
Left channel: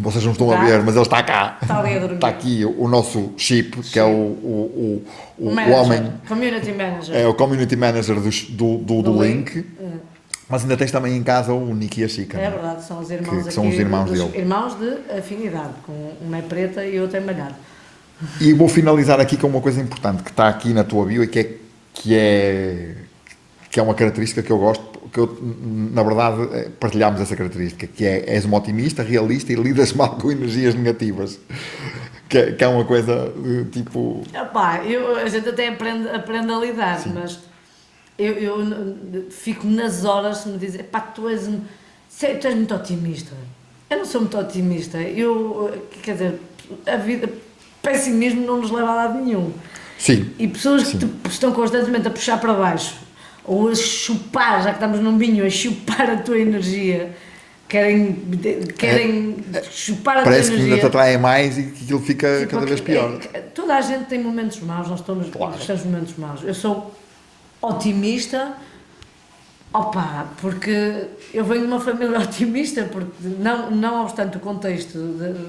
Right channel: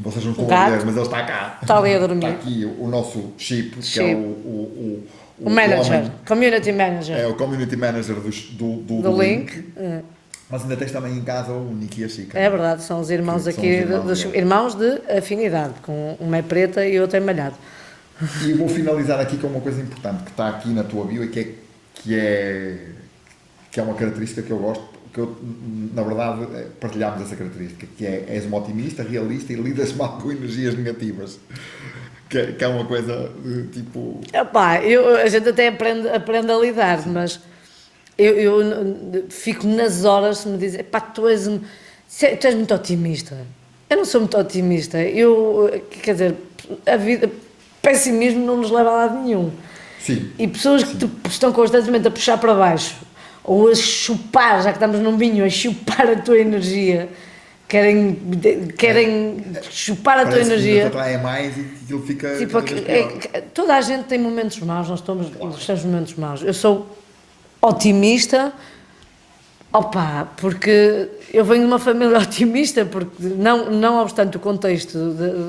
vocês não estão a ver, mas ele está cá. Está ali a dormir. Está aqui o nosso Chip, que é o manager, homem, community manager. é o community manager do Link. Mas ainda tens também em casa o Nick e a Chica. É verdade, são os irmãos aqui, são os irmãos de afinidade, com uma é preta e outra é malhado. E vou finalizar aqui com uma coisa importante que está aqui na tua bio e que é uma característica que eu gosto, que eu, na verdade, partilhamos essa característica, que é: és uma otimista, realista e lidas mal com energias negativas. Que é uma coisa tipo... Epá, a gente até aprende a lidar, mas eu fico nas horas se me dizem: pá, tu és muito otimista. Eu não sou muito otimista. Quer dizer, a vida, pessimismo não nos leva a lado nenhum. Sim. E pessoas que estão constantemente a puxar para baixo, ou a chupar, já que estamos num vinho, a chupar a tua energia, querem chupar a tua Parece energia. que ainda te atrai mais e que aquilo fica cada vez pior. Toda a gente tem momentos maus, nós temos momentos maus. Eu sou otimista, porque eu venho de uma família otimista, porque não obstante o contexto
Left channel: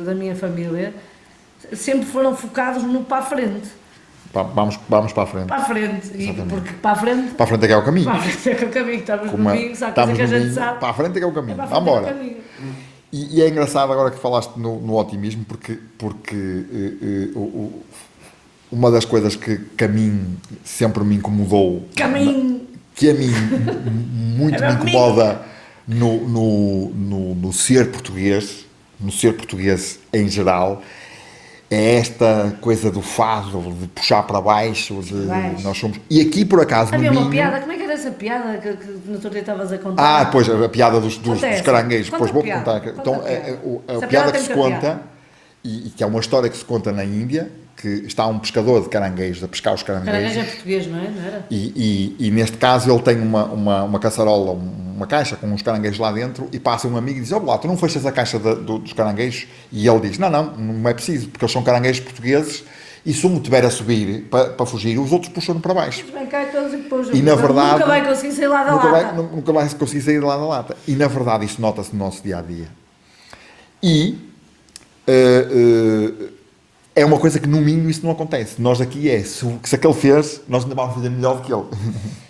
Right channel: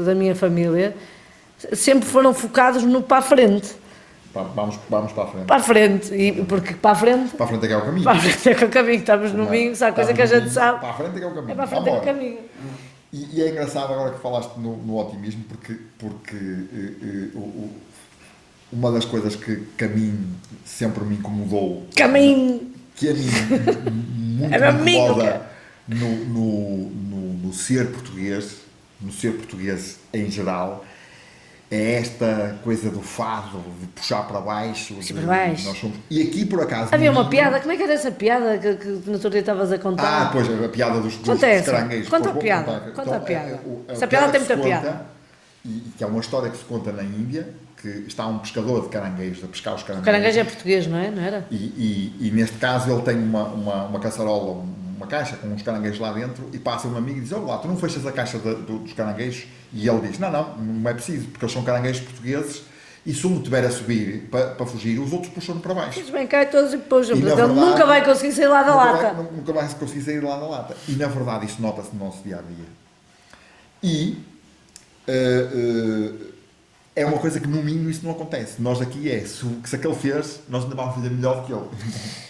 da minha família, sempre foram focados no para a frente. Vamos para a frente. Para a frente, e porque para a frente É que é o caminho. Para a frente é que é o caminho, estamos no vinho, sabe a coisa que a gente sabe. Para a frente é que é o caminho. Para a frente Vamos é o embora. caminho. E é engraçado agora que falaste no otimismo, porque uma das coisas que a mim sempre me incomodou, que a mim muito me incomoda no ser português, em geral, é esta coisa do fado, de puxar para baixo, nós somos... E aqui, por acaso, havia uma piada, como é que era essa piada que no outro dia estavas a contar? Pois, a piada dos caranguejos. Conta Pois vou a contar. piada. Então, Essa a piada piada que tem se muita conta, piada. e que é uma história que se conta na Índia, que está um pescador de caranguejos a pescar os caranguejos. Caranguejo é português, não é? Não era? E neste caso ele tem uma caçarola, uma caixa com uns caranguejos lá dentro, e passa um amigo e diz: lá, tu não fechas a caixa dos caranguejos? E ele diz: não é preciso, porque eles são caranguejos portugueses e se um tiver a subir para fugir, os outros puxam para baixo. Bem, cai todos e depois Na verdade, nunca vai conseguir sair lá da lata. Nunca vai conseguir sair lá da lata. E na verdade isso nota-se no nosso dia-a-dia. E é uma coisa que no mínimo isso não acontece. Nós aqui se aquele fez, nós ainda vamos fazer melhor do que ele.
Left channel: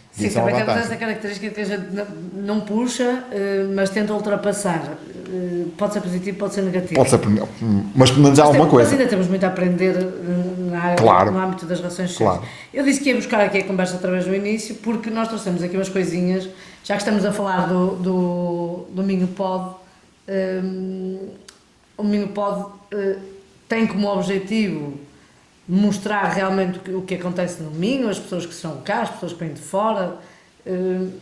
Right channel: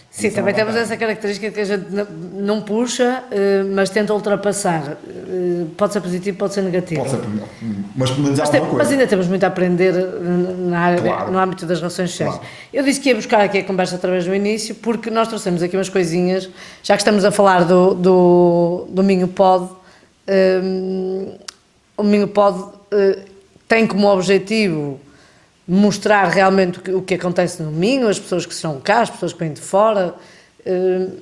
Sim, também temos essa característica que a gente não puxa, mas tenta ultrapassar. Pode ser positivo, pode ser negativo. Mas pelo menos há alguma coisa. Mas ainda temos muito a aprender na área, no âmbito das relações sociais. Claro. Eu disse que ia buscar aqui a conversa através do início, porque nós trouxemos aqui umas coisinhas, já que estamos a falar do Minho Pod. O Minho Pod tem como objetivo mostrar realmente o que acontece no Minho, as pessoas que são cá, as pessoas que vêm de fora,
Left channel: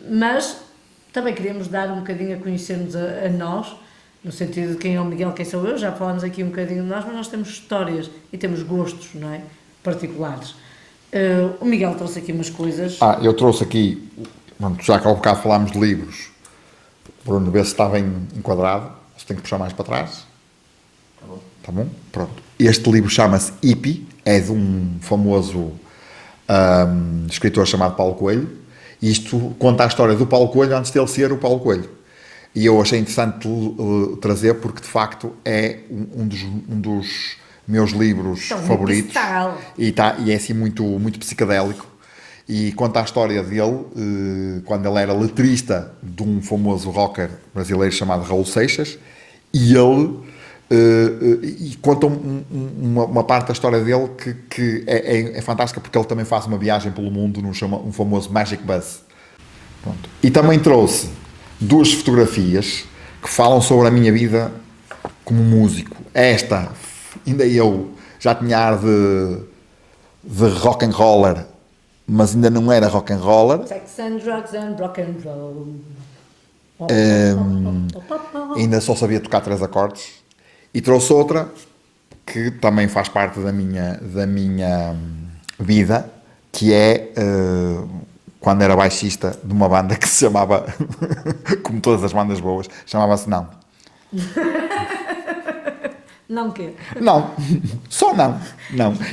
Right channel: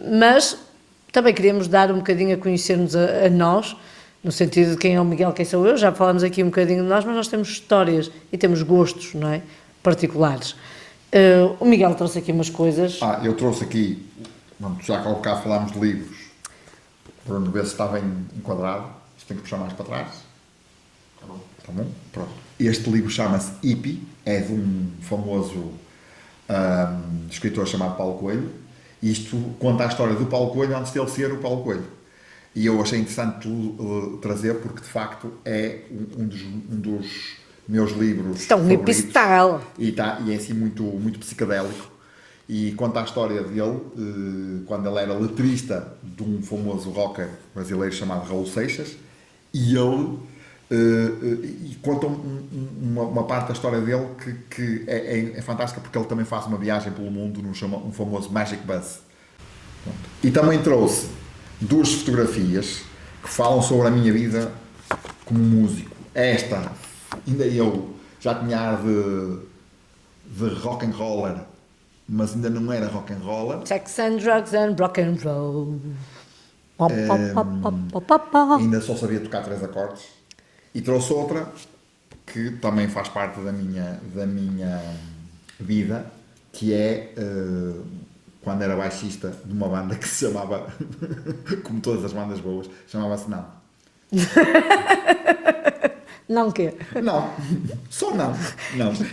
mas também queríamos dar um bocadinho a conhecer-nos a nós, no sentido de quem é o Miguel, quem sou eu. Já falámos aqui um bocadinho de nós, mas nós temos histórias e temos gostos, não é? Particulares. O Miguel trouxe aqui umas coisas. Eu trouxe aqui, já que há bocado falámos de livros, Bruno, ver se está bem enquadrado, se tem que puxar mais para trás. Tá bom? Pronto. Este livro chama-se Hippie, é de um famoso escritor chamado Paulo Coelho, e isto conta a história do Paulo Coelho antes dele ser o Paulo Coelho. E eu achei interessante trazer, porque de facto é um dos meus livros favoritos. E é assim muito, muito psicadélico. e conta a história dele quando ele era letrista de um famoso rocker brasileiro chamado Raul Seixas, e ele e conta uma parte da história dele que é fantástica, porque ele também faz uma viagem pelo mundo um famoso Magic Bus. Pronto. E também trouxe 2 fotografias que falam sobre a minha vida como músico. Esta, ainda eu já tinha ar de rock and roller, mas ainda não era rock and roller. Sex and drugs and rock and roll. Ainda só sabia tocar 3 acordes. E trouxe outra que também faz parte da minha vida, que é quando era baixista de uma banda que se chamava, como todas as bandas boas, chamava-se Não. Não quê? Não, só não.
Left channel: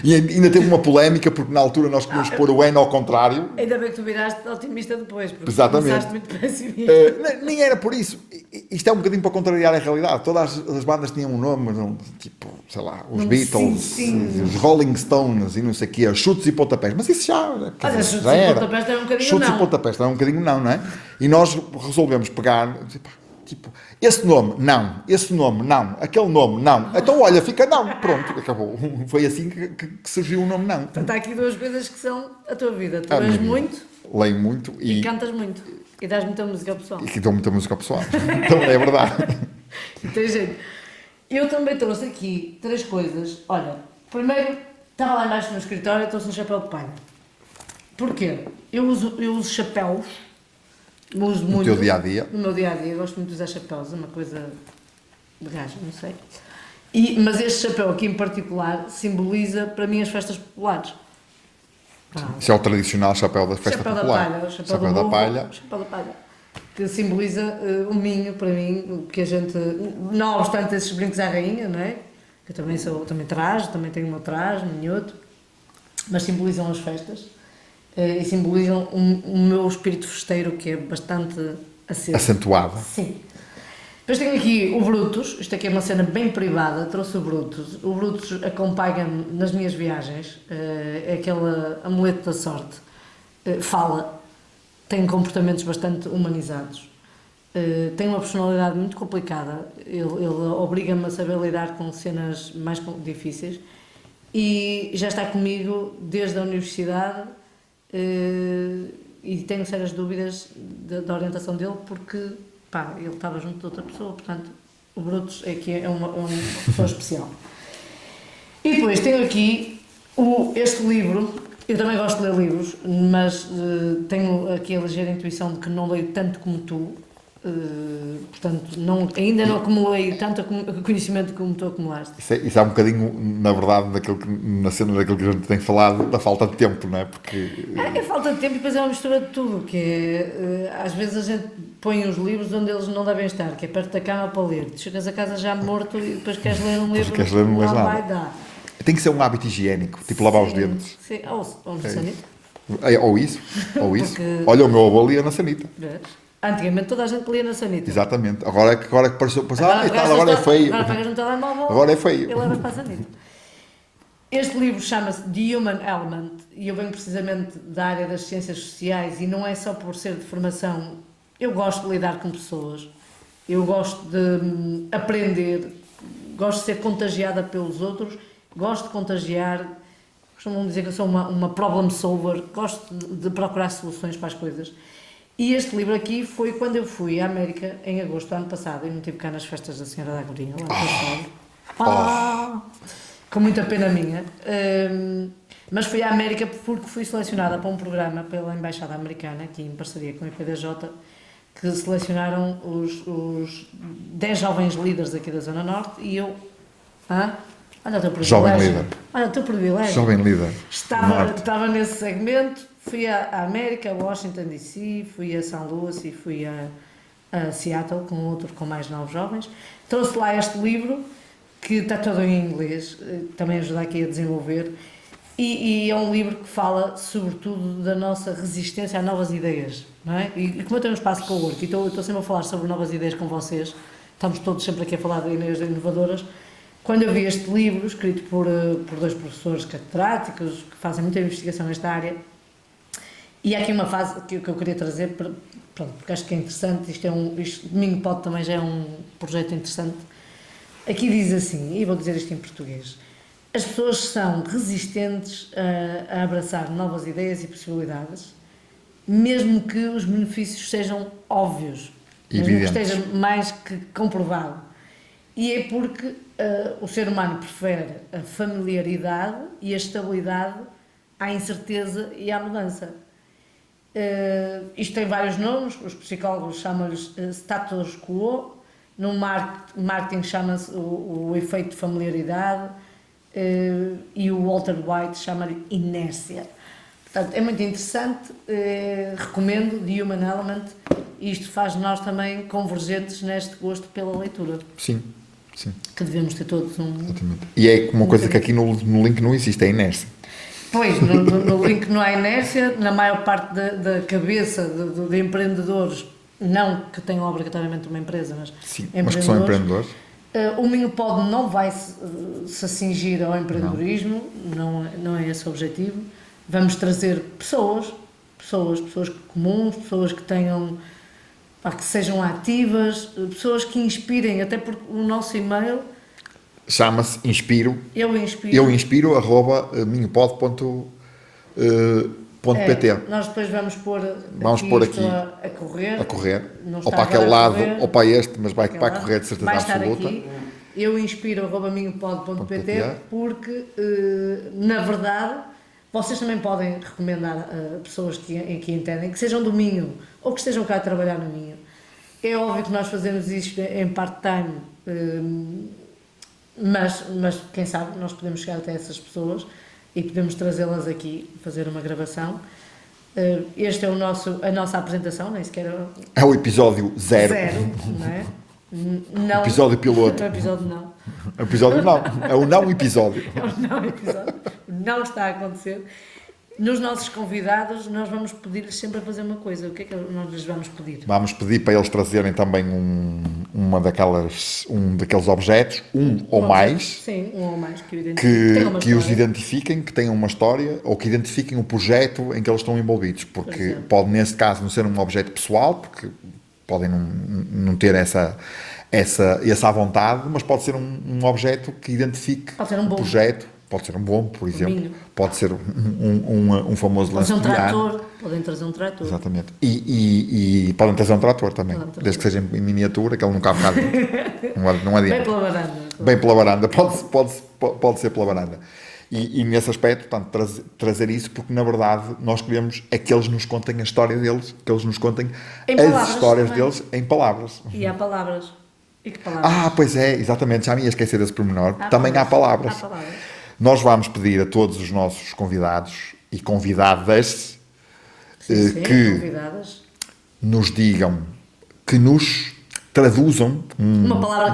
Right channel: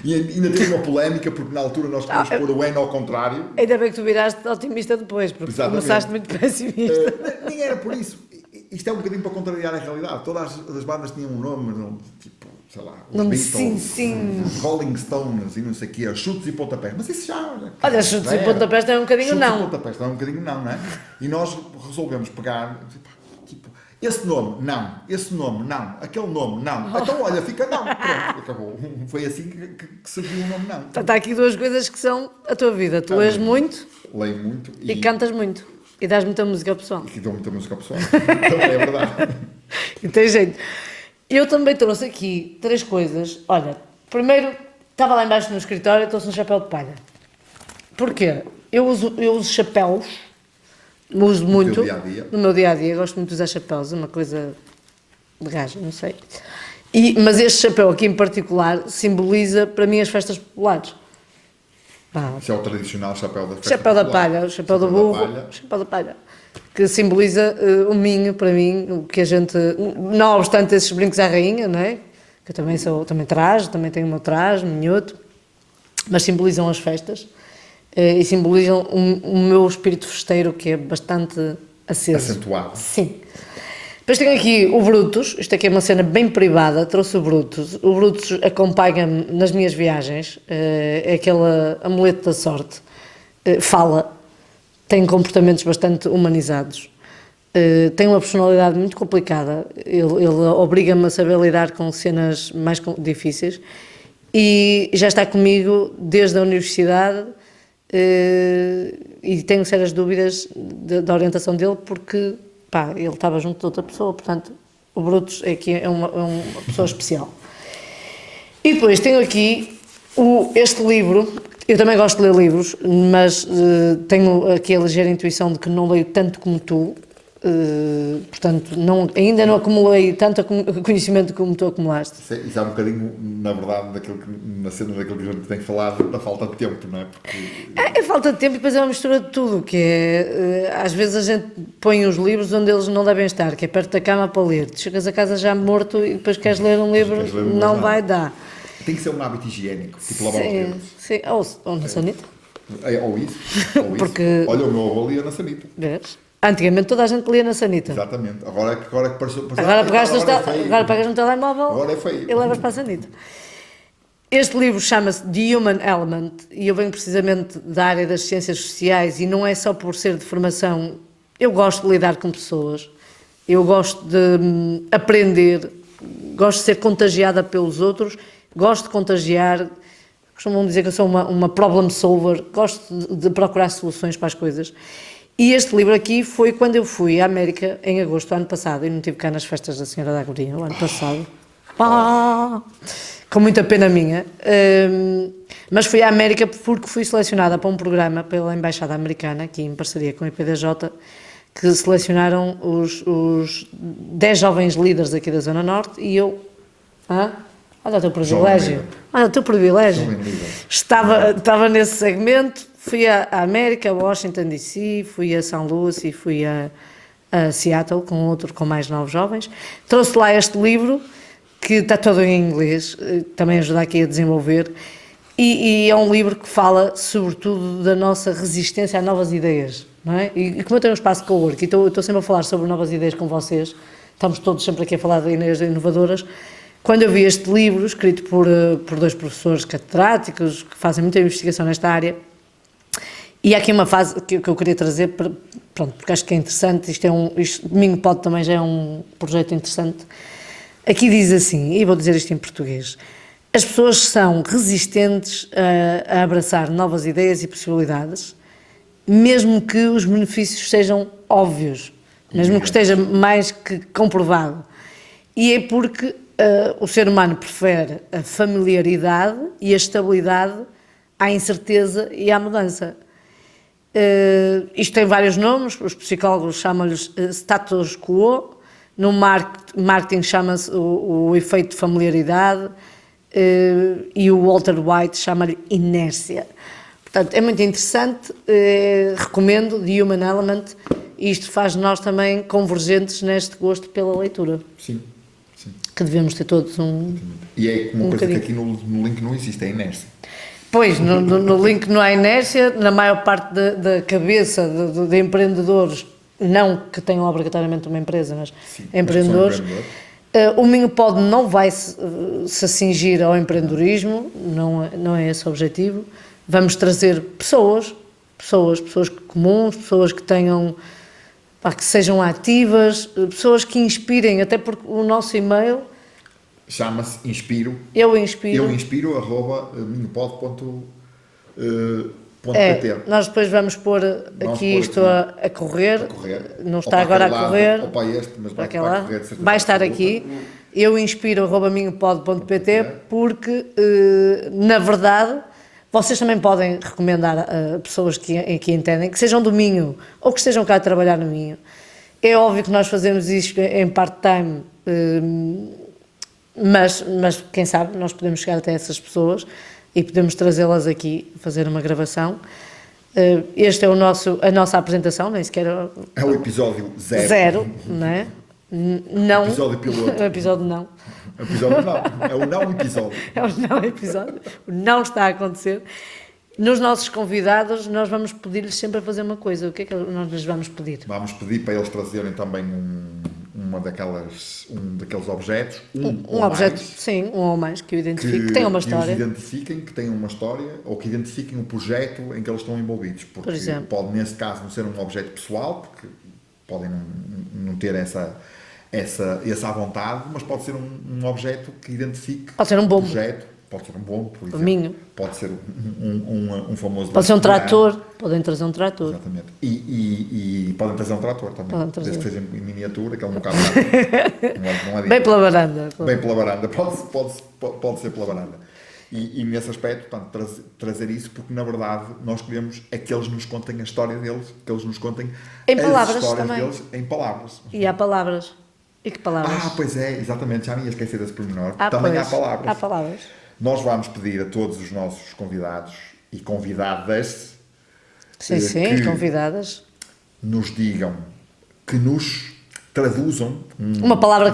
E ainda teve uma polémica, porque na altura nós queríamos pôr o N ao contrário. Ainda bem que tu viraste otimista depois, porque Exatamente. começaste muito pessimista. Nem era por isso. Isto é um bocadinho para contrariar a realidade. Todas as bandas tinham um nome, tipo, sei lá, os Beatles, sim. os Rolling Stones e não sei o quê, chutes e pontapés. Mas isso já era. Olha, chutes e pontapés também é um bocadinho Chutes não. e pontapés também é um bocadinho não é? E nós resolvemos pegar, tipo, esse nome, não. Esse nome, não. Aquele nome, não. Então, olha, fica não. Pronto, acabou. Foi assim que surgiu o nome não. Portanto, há aqui 2 coisas que são a tua vida. Tu lês muito Leio muito e cantas muito. E dás muita música ao pessoal. E que dou muita música ao pessoal. Então, é verdade. E tem jeito. Eu também trouxe aqui 3 coisas. Olha, primeiro, estava lá embaixo no escritório e trouxe um chapéu de palha. Porquê? Eu uso chapéus. Uso muito. No teu dia-a-dia? No meu dia-a-dia. Gosto muito de usar chapéus. É uma coisa de gajo, não sei. Mas este chapéu aqui em particular simboliza para mim as festas populares. Isso é o tradicional chapéu da festa Chapéu da popular. palha, o chapéu do burro, chapéu da palha, que simboliza o Minho, para mim, o que a gente, não obstante esses brincos à rainha, não é? Que eu também também tenho o meu traje, minhoto, mas simbolizam as festas e simbolizam o meu espírito festeiro, que é bastante aceso. Acentuado. Sim. Depois tenho aqui o Brutus, isto aqui é uma cena bem privada, trouxe o Brutus acompanha-me nas minhas viagens, é aquele amuleto da sorte, fala, tem comportamentos bastante humanizados, tem uma personalidade muito complicada, ele obriga-me a saber lidar com cenas mais difíceis e já está comigo desde a universidade e tenho sérias dúvidas da orientação dele porque ele estava junto de outra pessoa, portanto, o Brutus é uma pessoa especial. E depois tenho aqui este livro, eu também gosto de ler livros, mas tenho aqui a ligeira intuição de que não leio tanto como tu, portanto, ainda não acumulei tanto conhecimento como tu acumulaste. Isso é um bocadinho, na verdade, na cena daquilo que a gente tem falado, da falta de tempo, não é? Porque... É falta de tempo e depois é uma mistura de tudo, que é, às vezes a gente põe os livros onde eles não devem estar, que é perto da cama para ler. Tu chegas a casa já morto e depois queres ler um livro, não vai dar. Tem que ser um hábito higiênico, tipo lavar os dedos. Sim, ou na sanita. Ou isso. Porque... Olha, o meu avô lia na sanita. Vês? Antigamente toda a gente lia na sanita. Exatamente. Agora é que pareceu... Agora é feio. Agora pegas no telemóvel agora é feio. E levas para a sanita. Este livro chama-se The Human Element e eu venho precisamente da área das ciências sociais e não é só por ser de formação. Eu gosto de lidar com pessoas, eu gosto de aprender, gosto de ser contagiada pelos outros, gosto de contagiar, costumam dizer que eu sou uma problem solver, gosto de procurar soluções para as coisas. E este livro aqui foi quando eu fui à América em agosto do ano passado. Eu não estive cá nas festas da Senhora da Agoria, o ano passado. Com muita pena minha. Mas fui à América porque fui selecionada para um programa pela Embaixada Americana, aqui em parceria com a IPDJ, que selecionaram os 10 jovens líderes aqui da Zona Norte e eu... Olha o teu privilégio. Olha o teu privilégio. Jovem líder. Estava nesse segmento. Fui à América, a Washington DC, fui a São Luís e fui a Seattle com mais 9 jovens. Trouxe lá este livro, que está todo em inglês, também ajuda aqui a desenvolver, e é um livro que fala sobretudo da nossa resistência a novas ideias, não é? E como eu tenho um espaço de cowork e estou sempre a falar sobre novas ideias com vocês, estamos todos sempre aqui a falar de ideias inovadoras, quando eu vi este livro, escrito por 2 professores catedráticos que fazem muita investigação nesta área, E há aqui uma fase que eu queria trazer, pronto, porque acho que é interessante, isto Domingo Pode também já é um projeto interessante. Aqui diz assim, e vou dizer isto em português: as pessoas são resistentes a abraçar novas ideias e possibilidades, mesmo que os benefícios sejam óbvios, mesmo que esteja mais que comprovado. E é porque o ser humano prefere a familiaridade e a estabilidade à incerteza e à mudança. Isto tem vários nomes, os psicólogos chamam-lhes status quo, no marketing chama-se o efeito de familiaridade, e o Walter White chama-lhe inércia. Portanto, é muito interessante, recomendo The Human Element, e isto faz de nós também convergentes neste gosto pela leitura. Sim, sim. Que devemos ter todos um... Exatamente. E é uma coisa que aqui no link não existe, é a inércia. Pois, no link não há inércia, na maior parte da cabeça de empreendedores, não que tenham obrigatoriamente uma empresa, mas Sim, empreendedores, mas que são empreendedores. O Minho Pod não vai se cingir ao empreendedorismo, não é esse o objetivo. Vamos trazer pessoas comuns, pessoas que tenham, que sejam ativas, pessoas que inspirem, até porque o nosso e-mail Chama-se Inspiro. Eu inspiro @minhopod.pt. Nós depois vamos pôr aqui isto a correr. Não está agora a correr. Ou para este, mas vai correr de certeza. Vai estar absoluta. aqui. Eu inspiro @minhopod.pt porque, na verdade, vocês também podem recomendar a pessoas que entendem, que sejam do Minho ou que estejam cá a trabalhar no Minho. É óbvio que nós fazemos isto em part-time, mas quem sabe nós podemos chegar até essas pessoas e podemos trazê-las aqui, fazer uma gravação. Este é a nossa apresentação, nem sequer... É o episódio 0. Não é? Não. Episódio piloto. Episódio não. Episódio não. É o não episódio. É o não episódio. Não está a acontecer. Nos nossos convidados, nós vamos pedir-lhes sempre a fazer uma coisa. O que é que nós lhes vamos pedir? Vamos pedir para eles trazerem também um daqueles objetos, ou objeto, mais. Sim, um ou mais que o identifique, que tenha uma que história. os identifiquem, que tenham uma história, ou que identifiquem o projeto em que eles estão envolvidos. Porque pode, nesse caso, não ser um objeto pessoal, porque podem não ter essa à vontade, mas pode ser um objeto que identifique o projeto. Pode ser um bombo, por exemplo. Pode ser um famoso... Pode ser um trator. Podem trazer um trator. Exatamente. E podem trazer um trator também. Desde que seja em miniatura, que ele não cabe nada. Não é bem pela varanda. Bem pela varanda. Pode ser pela varanda. E nesse aspecto, portanto, trazer isso, porque na verdade nós queremos é que eles nos contem a história deles, que eles nos contem as histórias deles em palavras. E há palavras. E que palavras? Pois é, exatamente. Já me ia esquecer desse pormenor. Também há palavras. Há palavras. Nós vamos pedir a todos os nossos convidados e convidadas convidadas, nos digam, que nos traduzam uma palavra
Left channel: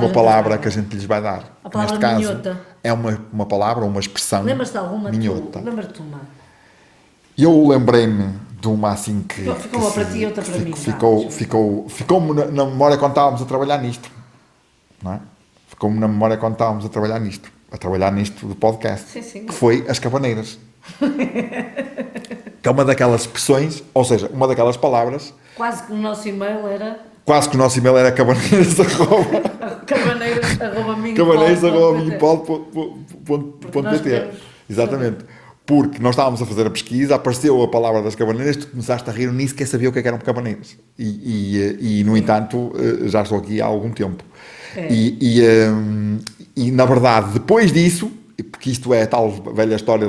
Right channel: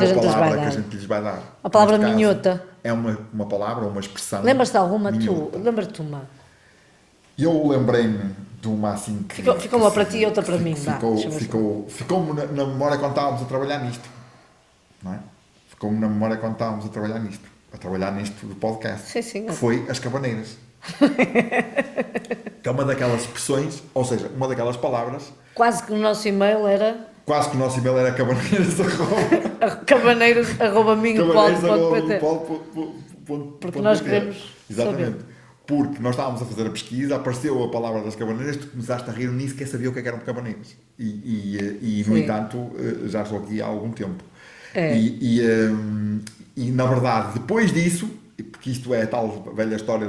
que a gente lhes vai dar. A palavra minhota. É uma palavra, uma expressão. Lembras-te de alguma? Minhota. Lembra-te de uma? Eu lembrei-me de uma assim que... Ficou uma para ti e outra para mim. Ficou-me na memória quando estávamos a trabalhar nisto. Não é? Ficou-me na memória quando estávamos a trabalhar nisto do podcast, sim. que foi as cabaneiras. Que é uma daquelas expressões, ou seja, uma daquelas palavras... Quase que o nosso e-mail era cabaneiras@minhopod.pt. Exatamente. Porque nós estávamos a fazer a pesquisa, apareceu a palavra das cabaneiras, tu começaste a rir, eu nem sequer sabia o que eram cabaneiras. E no entanto, já estou aqui há algum tempo. E na verdade, depois disso, porque isto é a tal velha história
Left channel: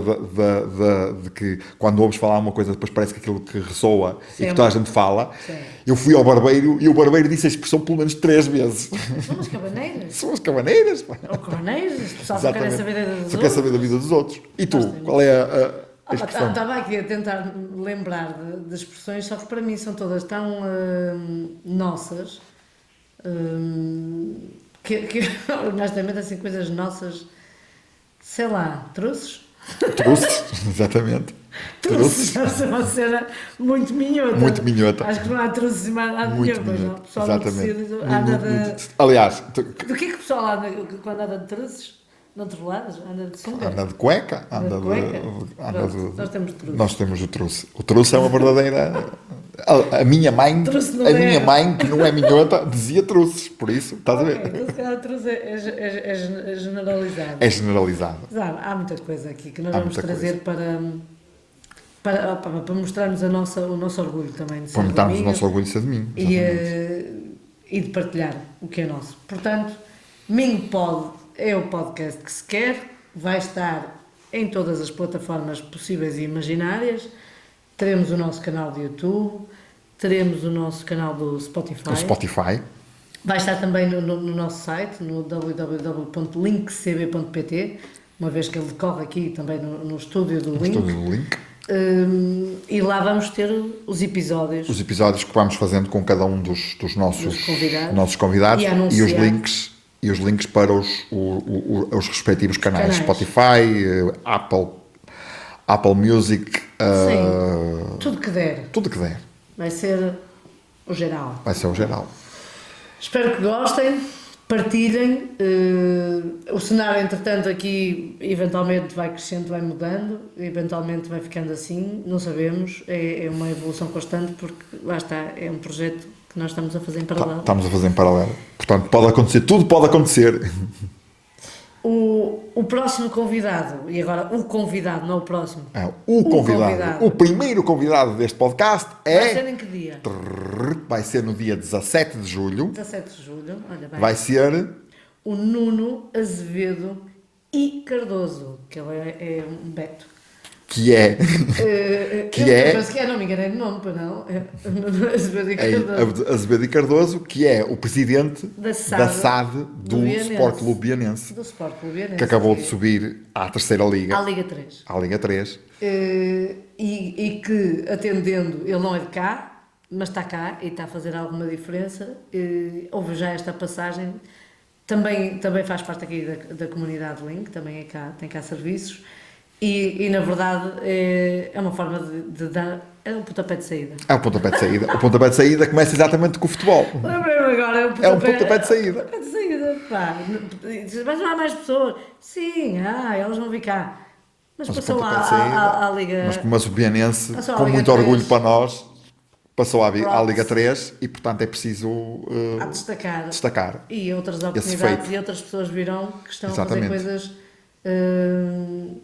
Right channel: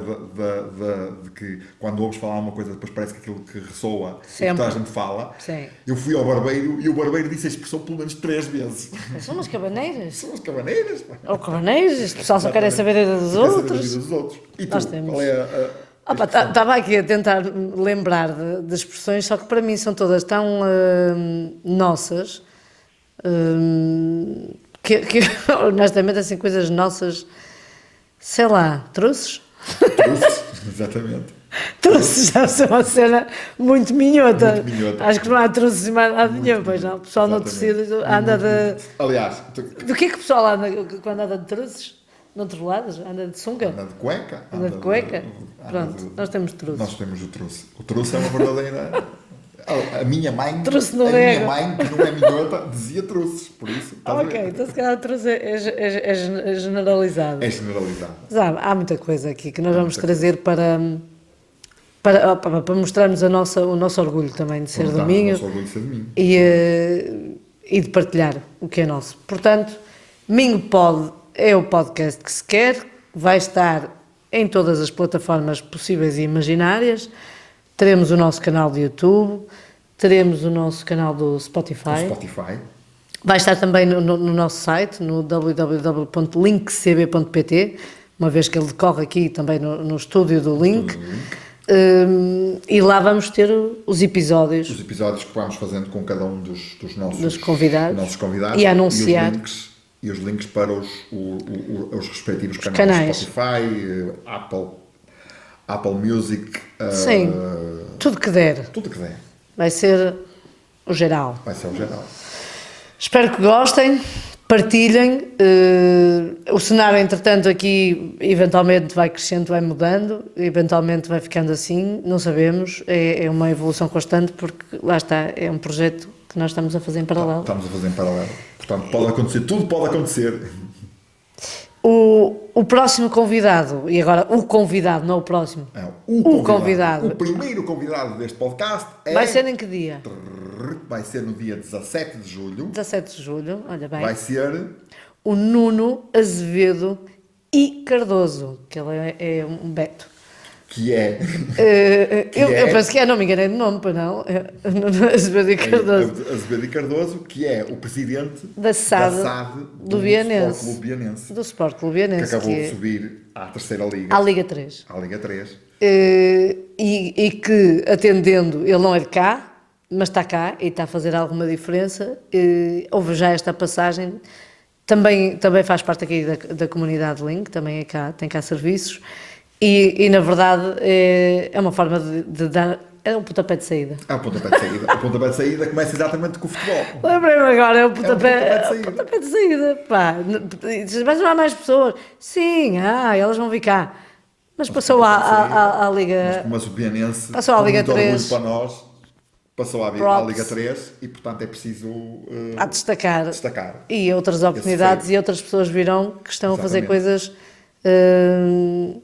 de que quando ouves falar uma coisa, depois parece que aquilo que ressoa e que toda a gente fala. Sim. Eu fui ao barbeiro e o barbeiro disse a expressão pelo menos 3 vezes. São as cabaneiras. São as cabaneiras. Pá. Ou cabaneiras, este pessoal só quer saber da vida dos outros. Quer saber da vida dos outros. E tu, qual é a expressão? Estava aqui a tentar lembrar de expressões, só que para mim são todas tão nossas, que honestamente assim, coisas nossas, sei lá, trouxes? Trouxes, exatamente. Trouxes já é uma cena muito minhota. Muito minhota. Acho que não há trouxes mais nada nenhum, pois não. O pessoal no tecido anda de... Aliás... Do que é que o pessoal anda quando anda de trouxes? Noutros lados, anda de sunga. Anda de cueca. Anda de cueca. anda Pronto, nós temos truce. Nós temos o truce. O truce é uma verdadeira... A minha mãe, Truce não minha é. mãe, que não é minhota, dizia truces. Por isso, estás a Ok, ver? então se calhar o truce é generalizado. É generalizada. Mas há muita coisa aqui que nós Há vamos muita trazer para mostrarmos o nosso orgulho também de ser Quando do estamos o Minho nosso orgulho de ser de mim. e de partilhar o que é nosso. Portanto, Minho Pod é o podcast que se quer, vai estar em todas as plataformas possíveis e imaginárias. Teremos o nosso canal de YouTube, teremos o nosso canal do Spotify. O Spotify. Vai estar também no nosso site, no www.linkcb.pt, uma vez que ele decorre aqui também no estúdio do Link. Tudo no link. E lá vamos ter os episódios. Os episódios que vamos fazendo com cada um dos nossos convidados E anunciar. e os links para os respectivos canais. Spotify, Apple Music, Sim, tudo que der. tudo que der. Vai ser o geral. Vai ser o geral. Espero que gostem, partilhem. O cenário, entretanto, aqui eventualmente vai crescendo, vai mudando, eventualmente vai ficando assim, não sabemos. É uma evolução constante, porque lá está, é um projeto que nós estamos a fazer em paralelo. Estamos a fazer em paralelo. Portanto, pode acontecer, tudo pode acontecer. O próximo convidado, e agora o convidado, não o próximo. É, o convidado. O primeiro convidado deste podcast Vai ser em que dia? Vai ser no dia 17 de julho. 17 de julho, olha bem. Vai ser... O Nuno Azevedo e Cardoso, que ele é um Beto. Que é... Eu penso que não me enganei de nome, para não. Nuno Azevedo e Cardoso. Azevedo e Cardoso, que é o presidente Da SAD do Sport Clube Bianense. Do Sport Clube Bianense. Que acabou de subir à terceira liga. À Liga 3. À Liga 3. E que, atendendo, ele não é de cá, mas está cá e está a fazer alguma diferença. Houve já esta passagem. Também faz parte aqui da comunidade Link, também é cá, tem cá serviços. E na verdade é uma forma de dar. É um pontapé de saída. É um pontapé de saída. O pontapé de saída começa exatamente com o futebol. Lembrei-me agora, é um pontapé de saída. Pontapé de saída. Pá, mas não há mais pessoas. Sim, elas vão vir cá. Mas passou à Liga. Mas o Bianense, Passou à com Liga muito 3. orgulho para nós, passou à Props. Liga 3 e, portanto, é preciso A destacar. destacar. E outras oportunidades feito. e outras pessoas virão que estão a fazer Exatamente. coisas.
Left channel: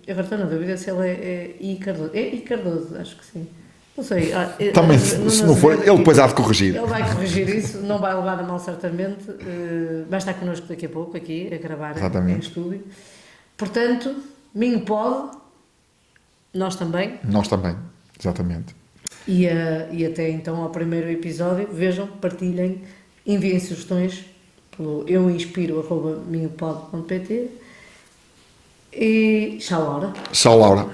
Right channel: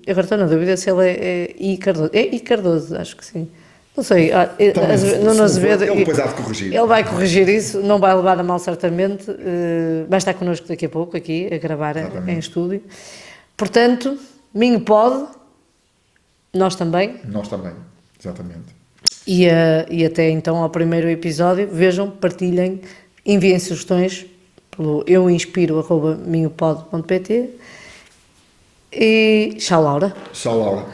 Agora estou na dúvida se ele é I Cardoso. É I Cardoso, acho que sim. Não sei. Também, se Nuno não for, Azevedo, ele depois há de corrigir. Ele vai corrigir isso, não vai levar a mal certamente. Vai estar connosco daqui a pouco, aqui, a gravar Exatamente. em estúdio. Portanto, Minho Pod, nós também. Nós também, exatamente. E até então ao primeiro episódio, vejam, partilhem, enviem sugestões pelo euinspiro@minhopod.pt e tchau, Laura. Tchau, Laura.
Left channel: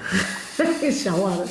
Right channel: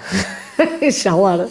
Tchau, Laura.